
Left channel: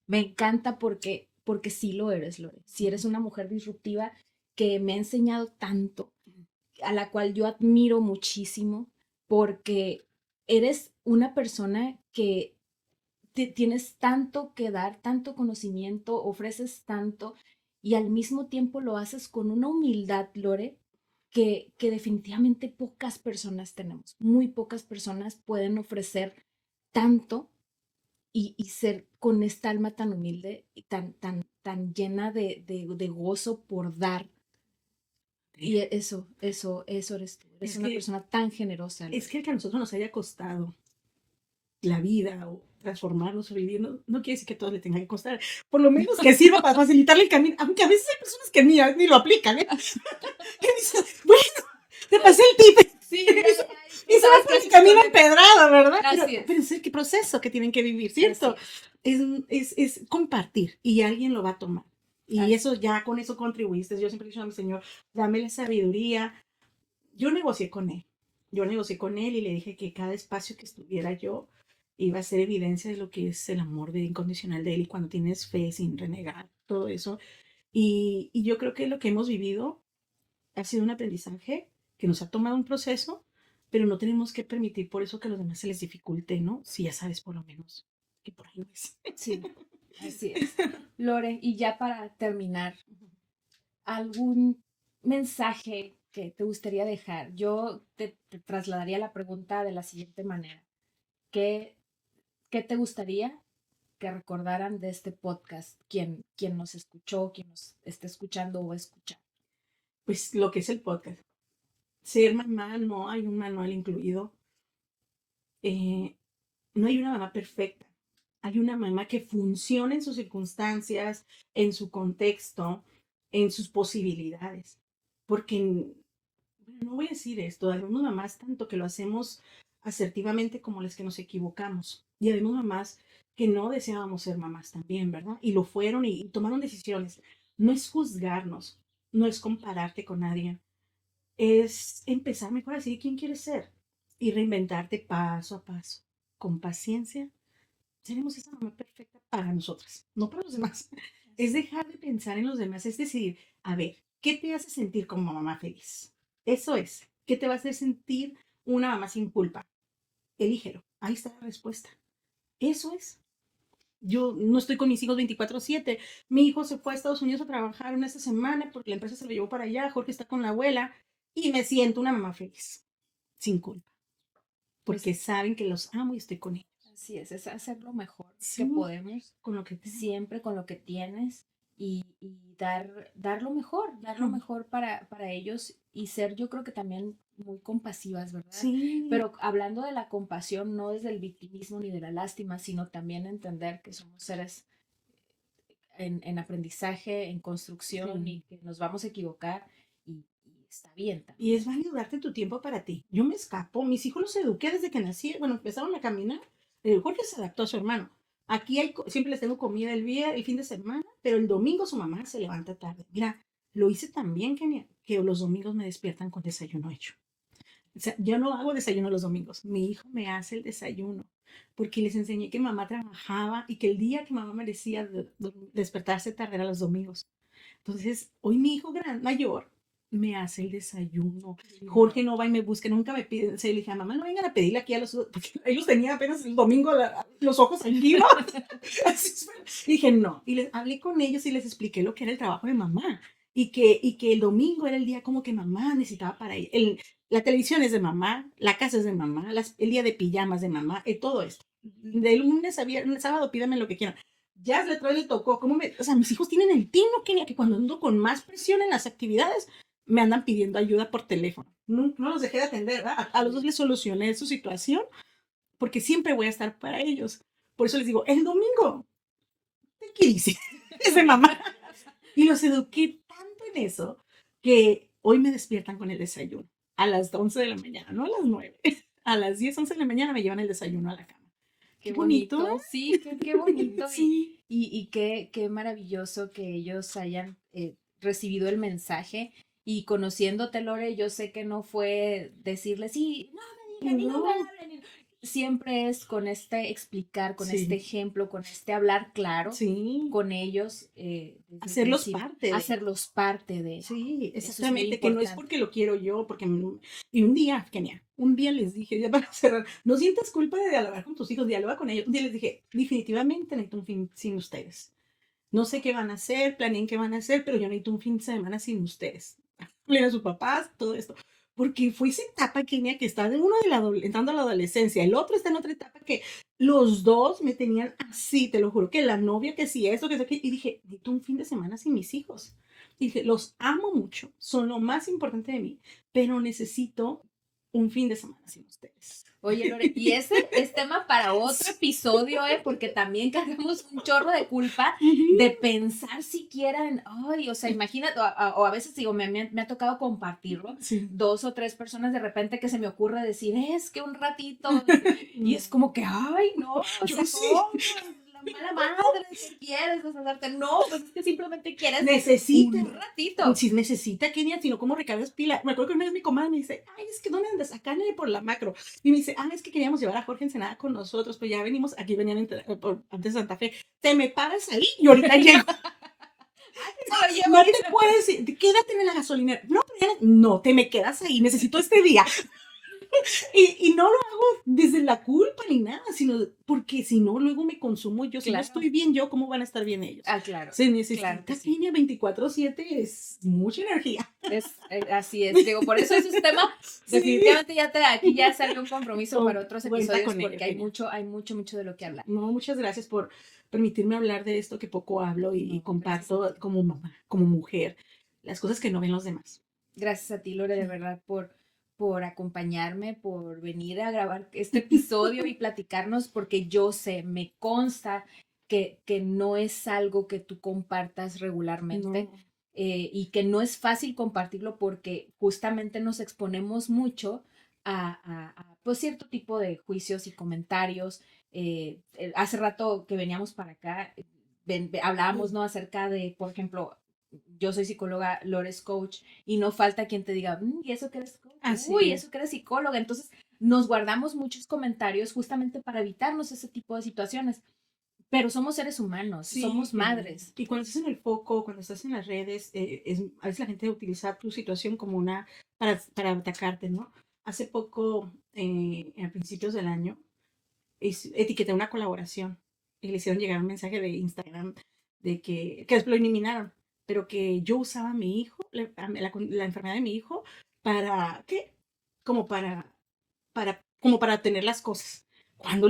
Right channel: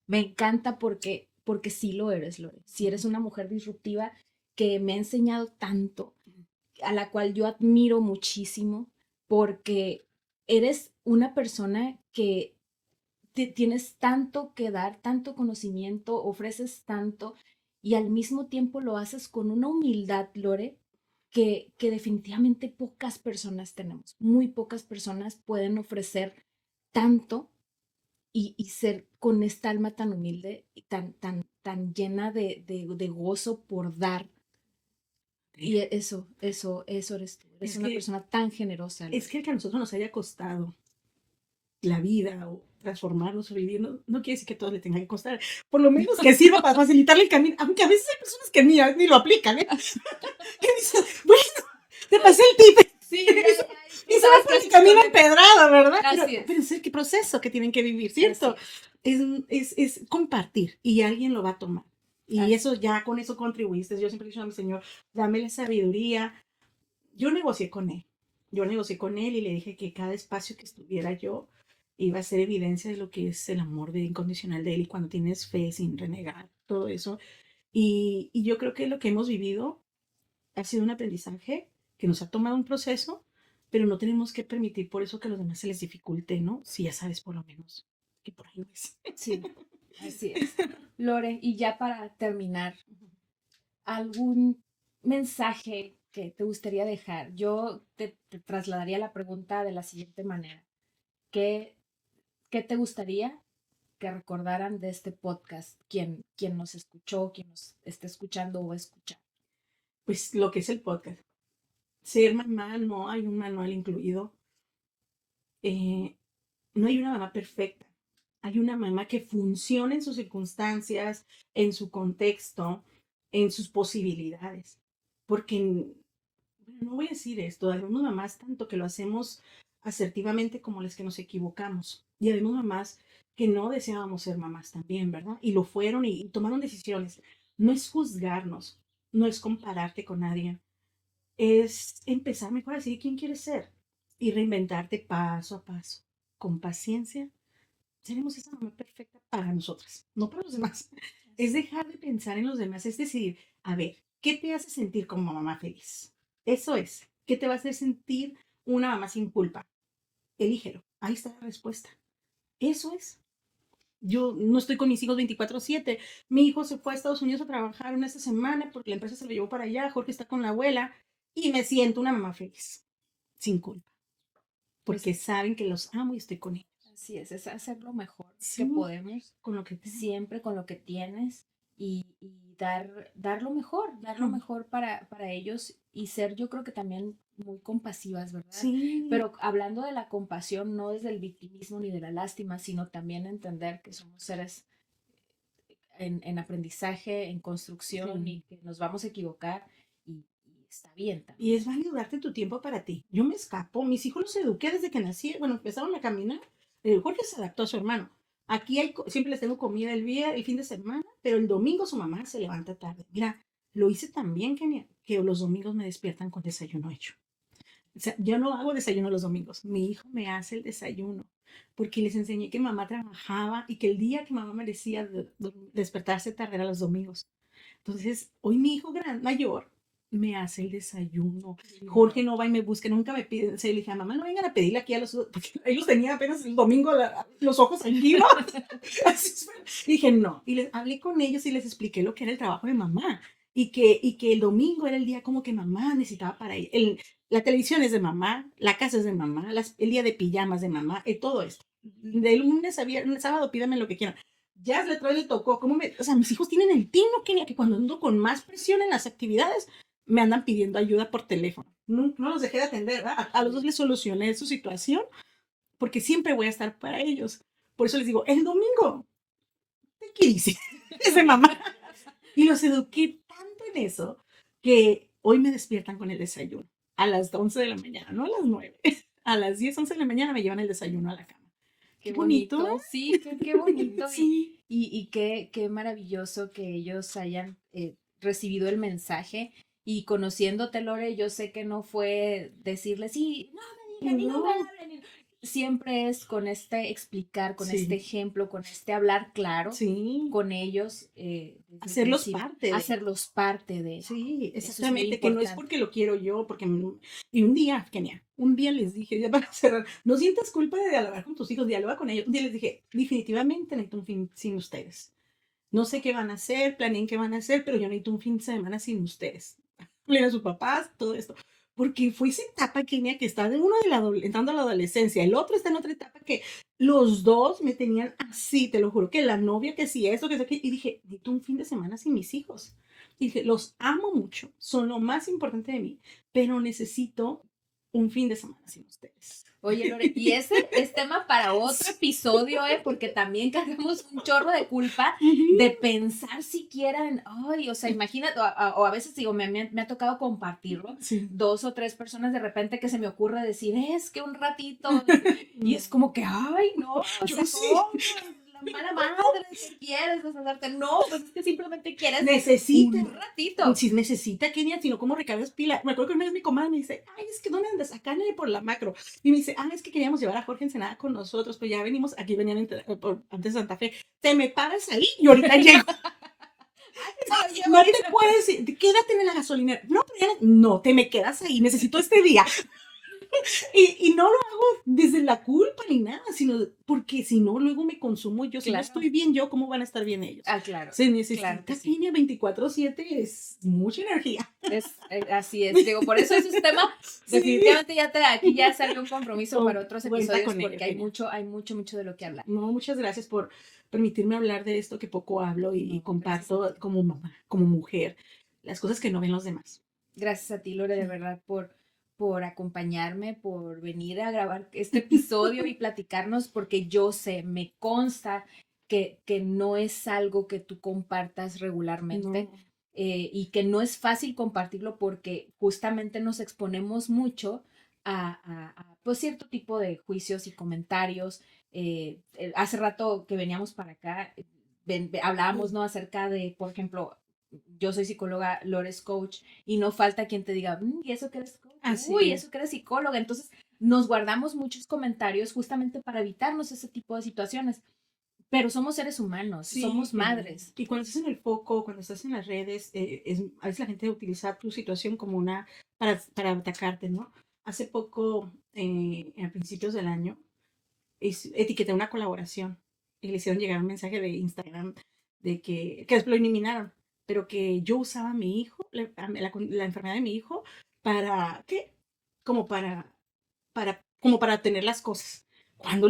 Me encanta porque sí lo eres, Lore. Sí eres una mujer disruptiva que me ha enseñado tanto, a la cual yo admiro muchísimo, porque eres una persona que tienes tanto que dar, tanto conocimiento, ofreces tanto y al mismo tiempo lo haces con una humildad, Lore, que definitivamente pocas personas tenemos. Muy pocas personas pueden ofrecer tanto y ser con esta alma tan humilde y tan llena de gozo por dar. Y eso eres tú. Eres una persona tan generosa. Es que el que a nosotros nos haya costado la vida o transformarnos o vivir, no quiere decir que todo le tenga que costar. Por lo menos que sirva para facilitarle el camino, aunque a veces hay personas que ni lo aplican, ¿eh? Que dicen, bueno, te pasé el tip. Sí, Y se va por el camino empedrado, ¿verdad? Así es. Pero es el proceso que tienen que vivir, ¿cierto? Es compartir y alguien lo va a tomar. Y Así eso ya con eso contribuiste. Yo siempre digo al Señor, dame la sabiduría. Yo negocié con él. Yo negocié con él y le dije que cada espacio que estuviera yo iba a ser evidencia de lo que es el amor incondicional de él y cuando tienes fe sin renegar, todo eso. Y yo creo que lo que hemos vivido ha sido un aprendizaje que nos ha tomado un proceso, pero no tenemos que permitir por eso que a los demás se les dificulte, ¿no? Si ya sabes por lo menos que por ahí no es. Sí, así es. Lore, y ya para terminar, ¿algún mensaje que te gustaría dejar? Yo te trasladaría la pregunta de la siguiente manera. ¿Qué, qué te gustaría que recordaran de este podcast? Quien nos escuchó, quien nos esté escuchando o escuchar. Pues lo que es el podcast. Ser mamá no hay un manual incluido. Eh, no hay una mamá perfecta. Hay una mamá que funciona en sus circunstancias, en su contexto, en sus posibilidades. Porque, no voy a decir esto, algunas mamás tanto que lo hacemos asertivamente como las que nos equivocamos. Y hay mamás que no deseábamos ser mamás también, ¿verdad? Y lo fueron y tomaron decisiones. No es juzgarnos, no es compararte con nadie, es empezar mejor a decir quién quieres ser y reinventarte paso a paso, con paciencia. Tenemos esa mamá perfecta para nosotros, no para los demás. Es dejar de pensar en los demás, es decir, a ver, ¿qué te hace sentir como mamá feliz? Eso es, ¿qué te va a hacer sentir una mamá sin culpa? Elígelo, ahí está la respuesta. Eso es. Yo no estoy con mis hijos 24/7. Mi hijo se fue a Estados Unidos a trabajar una esta semana porque la empresa se lo llevó para allá. Jorge está con la abuela y me siento una mamá feliz, sin culpa, porque saben que los amo y estoy con ellos. Así es hacer lo mejor Sí, que podemos, con lo que tengo. siempre con lo que tienes y dar lo mejor para ellos y ser yo creo que también muy compasivas, ¿verdad? Sí. Pero hablando de la compasión, no es del victimismo ni de la lástima, sino también entender que somos seres en aprendizaje, en construcción y que nos vamos a equivocar y está bien también. Y es válido darte tu tiempo para ti. Yo me escapo, mis hijos los eduqué desde que nací, bueno, empezaron a caminar. Jorge se adaptó a su hermano. Aquí siempre les tengo comida el fin de semana, pero el domingo su mamá se levanta tarde. Mira, lo hice tan bien, Kenia, que los domingos me despiertan con desayuno hecho. O sea, yo no hago desayuno los domingos. Mi hijo me hace el desayuno porque les enseñé que mamá trabajaba y que el día que mamá merecía despertarse tarde era los domingos. Entonces, hoy mi hijo mayor me hace el desayuno. Jorge no va y me busca, nunca me pide. Se le dije a mamá, no vengan a pedirle aquí a los, porque ellos tenían apenas el domingo los ojos tranquilos. Y dije, no. Y les hablé con ellos y les expliqué lo que era el trabajo de mamá. Y que el domingo era el día como que mamá necesitaba para ir. La televisión es de mamá, la casa es de mamá, el día de pijamas de mamá, todo esto. De lunes a viernes, sábado, pídame lo que quieran. Ya le tocó, o sea, mis hijos tienen el tino que cuando ando con más presión en las actividades, me andan pidiendo ayuda por teléfono. No los dejé de atender, ¿verdad? A los dos les solucioné su situación, porque siempre voy a estar para ellos. Por eso les digo, el domingo, ¿qué hice? Ese mamá. Y los eduqué tanto en eso, que hoy me despiertan con el desayuno a las 11 de la mañana, no a las 9. A las 10, 11 de la mañana me llevan el desayuno a la cama. Qué bonito, bonito, sí, qué bonito. Sí. Y qué maravilloso que ellos hayan recibido el mensaje. Y conociéndote, Lore, yo sé que no fue decirle, sí, no. Siempre es con este explicar, con este ejemplo, con este hablar claro con ellos. Hacerlos parte. Hacerlos parte de eso. Sí, exactamente, que no es porque lo quiero yo, porque... Y un día, Kenia, un día les dije, ya para cerrar, no sientas culpa de dialogar con tus hijos, dialoga con ellos. Un día les dije, definitivamente necesito un fin sin ustedes. No sé qué van a hacer, planeen qué van a hacer, pero yo necesito un fin de semana sin ustedes. Leer a sus papás, todo esto. Porque fue esa etapa, Kenia, que está de uno entrando a la adolescencia, el otro está en otra etapa que los dos me tenían así, te lo juro, que la novia, que sí, eso, que sé qué. Y dije, necesito un fin de semana sin mis hijos. Y dije, los amo mucho, son lo más importante de mí, pero necesito un fin de semana sin ustedes. Oye, Lore, y ese es tema para otro episodio, porque también cargamos un chorro de culpa de pensar siquiera en, ay, o sea, imagínate, o a veces digo, me ha tocado compartirlo, 2 o 3 personas de repente que se me ocurre decir, es que un ratito, y es como que, ay, no, yo sí. La mala madre, si quieres deshacerse, no, pues es que simplemente quieres un ratito. Si necesita, Kenia, si no, ¿cómo recargas pila? Me acuerdo que una vez mi comadre me dice, ay, es que ¿dónde andas? Acá no hay por la macro. Y me dice, es que queríamos llevar a Jorge Ensenada con nosotros, pero ya venimos, aquí venían antes de Santa Fe. Te me paras ahí y ahorita llego. No te puedo decir, quédate en la gasolina. No, te me quedas ahí, necesito este día. Y no lo hago desde la culpa ni nada, sino porque si no, luego me consumo yo. Si no estoy bien yo, ¿cómo van a estar bien ellos? Claro. Se necesita Kenia 24/7, es mucha energía. Así es, digo, por eso ese tema, definitivamente aquí ya salió un compromiso para otros episodios, porque hay mucho de lo que hablar. No, muchas gracias por permitirme hablar de esto que poco hablo y comparto como mamá, como mujer, las cosas que no ven los demás. Gracias a ti, Lore, de verdad, por acompañarme, por venir a grabar este episodio y platicarnos, porque yo sé, me consta que no es algo que tú compartas regularmente. No. Y que no es fácil compartirlo porque justamente nos exponemos mucho a pues cierto tipo de juicios y comentarios. Hace rato que veníamos para acá, hablábamos, ¿no? Acerca de, por ejemplo, yo soy psicóloga, Lore es coach, y no falta quien te diga, ¿y eso que eres coach? Eso que eres psicóloga. Entonces nos guardamos muchos comentarios justamente para evitarnos ese tipo de situaciones. Pero somos seres humanos, somos madres. Y cuando estás en el foco, cuando estás en las redes, a veces la gente utiliza tu situación como para atacarte, ¿no? Hace poco, a principios del año, etiqueté una colaboración y le hicieron llegar un mensaje de Instagram de que lo eliminaron, pero que yo usaba a mi hijo, la enfermedad de mi hijo, para, ¿qué? Como para tener las cosas. Cuando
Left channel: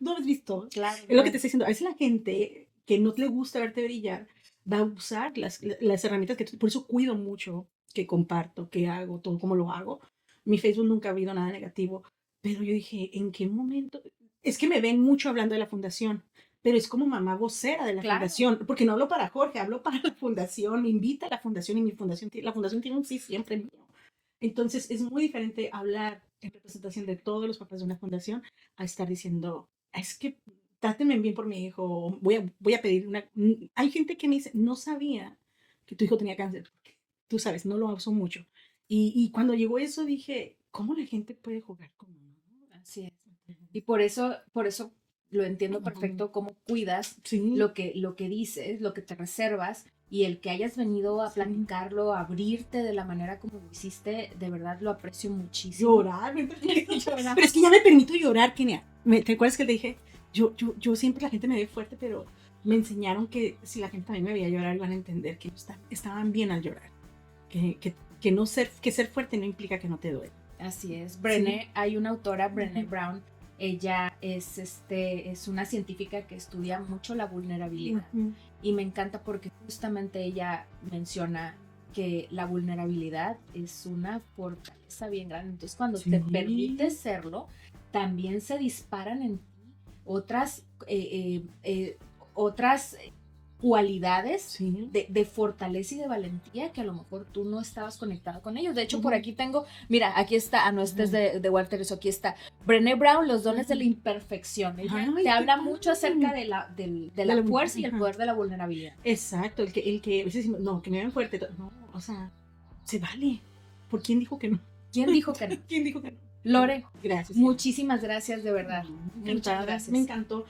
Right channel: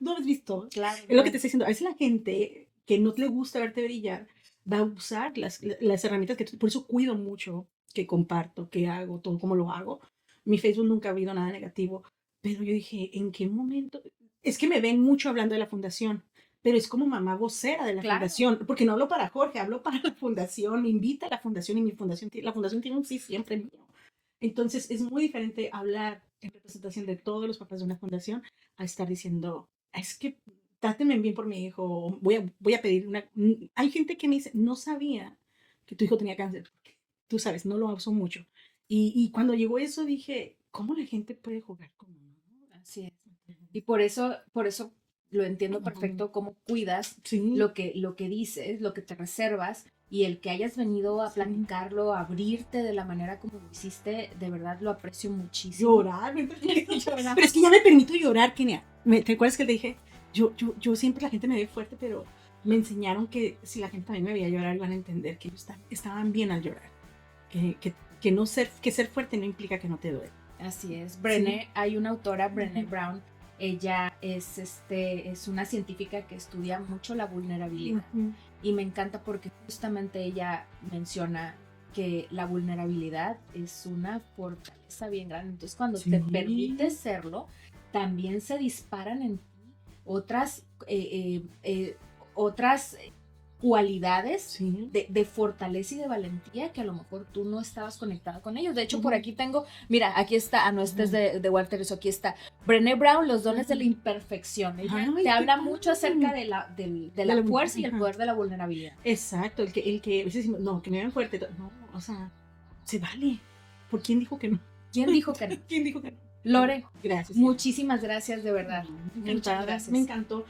no has visto, Claro, es lo que te estoy diciendo. A veces la gente que no le gusta verte brillar va a usar las herramientas por eso cuido mucho que comparto, que hago, todo como lo hago. Mi Facebook nunca ha habido nada negativo, pero yo dije, ¿en qué momento? Es que me ven mucho hablando de la fundación, pero es como mamá vocera de la fundación, porque no hablo para Jorge, hablo para la fundación, me invita a la fundación y la fundación tiene un sí siempre mío. Entonces es muy diferente hablar en representación de todos los papás de una fundación a estar diciendo, es que trátenme bien por mi hijo, voy a pedir una... Hay gente que me dice, no sabía que tu hijo tenía cáncer, porque tú sabes, no lo uso mucho. Y cuando llegó eso dije, ¿cómo la gente puede jugar con uno? Así es. Y por eso lo entiendo perfecto, cómo cuidas lo que dices, lo que te reservas, y el que hayas venido a platicarlo, a abrirte de la manera como lo hiciste, de verdad lo aprecio muchísimo. Llorar. Pero es que ya me permito llorar, Kenia. ¿Te acuerdas que te dije? Yo siempre la gente me ve fuerte, pero me enseñaron que si la gente también me veía llorar, iban a entender que ellos estaban bien al llorar. Que ser fuerte no implica que no te duele. Así es. Brené, hay una autora, Brené Brown, ella es una científica que estudia mucho la vulnerabilidad. Y me encanta porque justamente ella menciona que la vulnerabilidad es una fortaleza bien grande. Entonces, cuando te permites serlo, también se disparan en ti otras cualidades Sí. de fortaleza y de valentía que a lo mejor tú no estabas conectado con ellos. De hecho, por aquí tengo, mira, aquí está, no, este es de Walter, eso aquí está. Brené Brown, Los dones de la imperfección. Ella Ay, te qué habla padre. mucho acerca de la fuerza y el Ajá. poder de la vulnerabilidad. Exacto, el que a veces decimos, no, que me vean fuerte. No, o sea, se vale. ¿Por quién dijo que no? ¿Quién dijo que no? ¿Quién dijo que no? Lore, Gracias. muchísimas gracias, de verdad. Muchas gracias. Me encantó.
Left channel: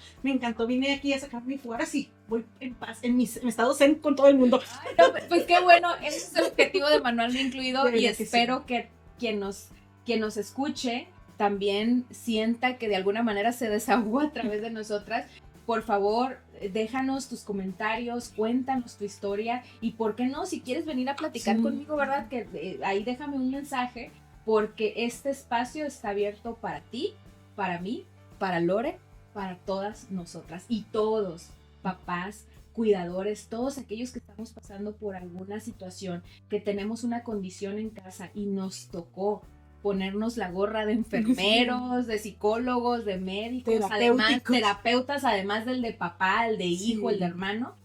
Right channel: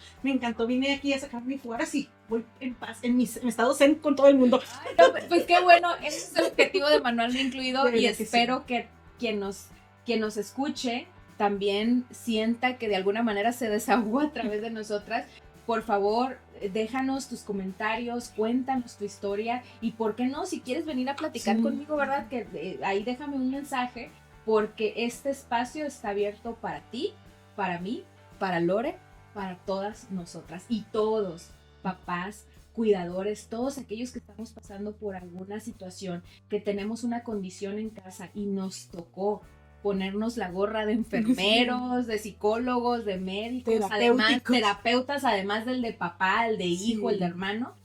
Vine aquí a sacar mi fuera así. Voy en paz, en mi estado zen con todo el mundo. Ay, no, pues qué bueno, ese es el objetivo de Manual no Incluido De y verdad que espero que quien nos escuche también sienta que de alguna manera se desahogó a través de nosotras. Por favor, déjanos tus comentarios, cuéntanos tu historia y por qué no, si quieres venir a platicar Sí. conmigo, ¿verdad? Que ahí déjame un mensaje porque este espacio está abierto para ti, para mí, para Lore, para todas nosotras y todos, papás, cuidadores, todos aquellos que estamos pasando por alguna situación, que tenemos una condición en casa y nos tocó ponernos la gorra de enfermeros, de psicólogos, de médicos, además, terapeutas, además del de papá, el de hijo, el de hermano.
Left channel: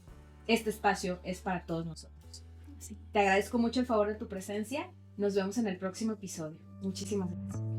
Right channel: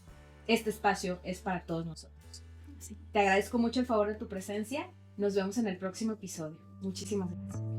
Este espacio es para todos nosotros. Sí. Te agradezco mucho el favor de tu presencia. Nos vemos en el próximo episodio. Muchísimas gracias.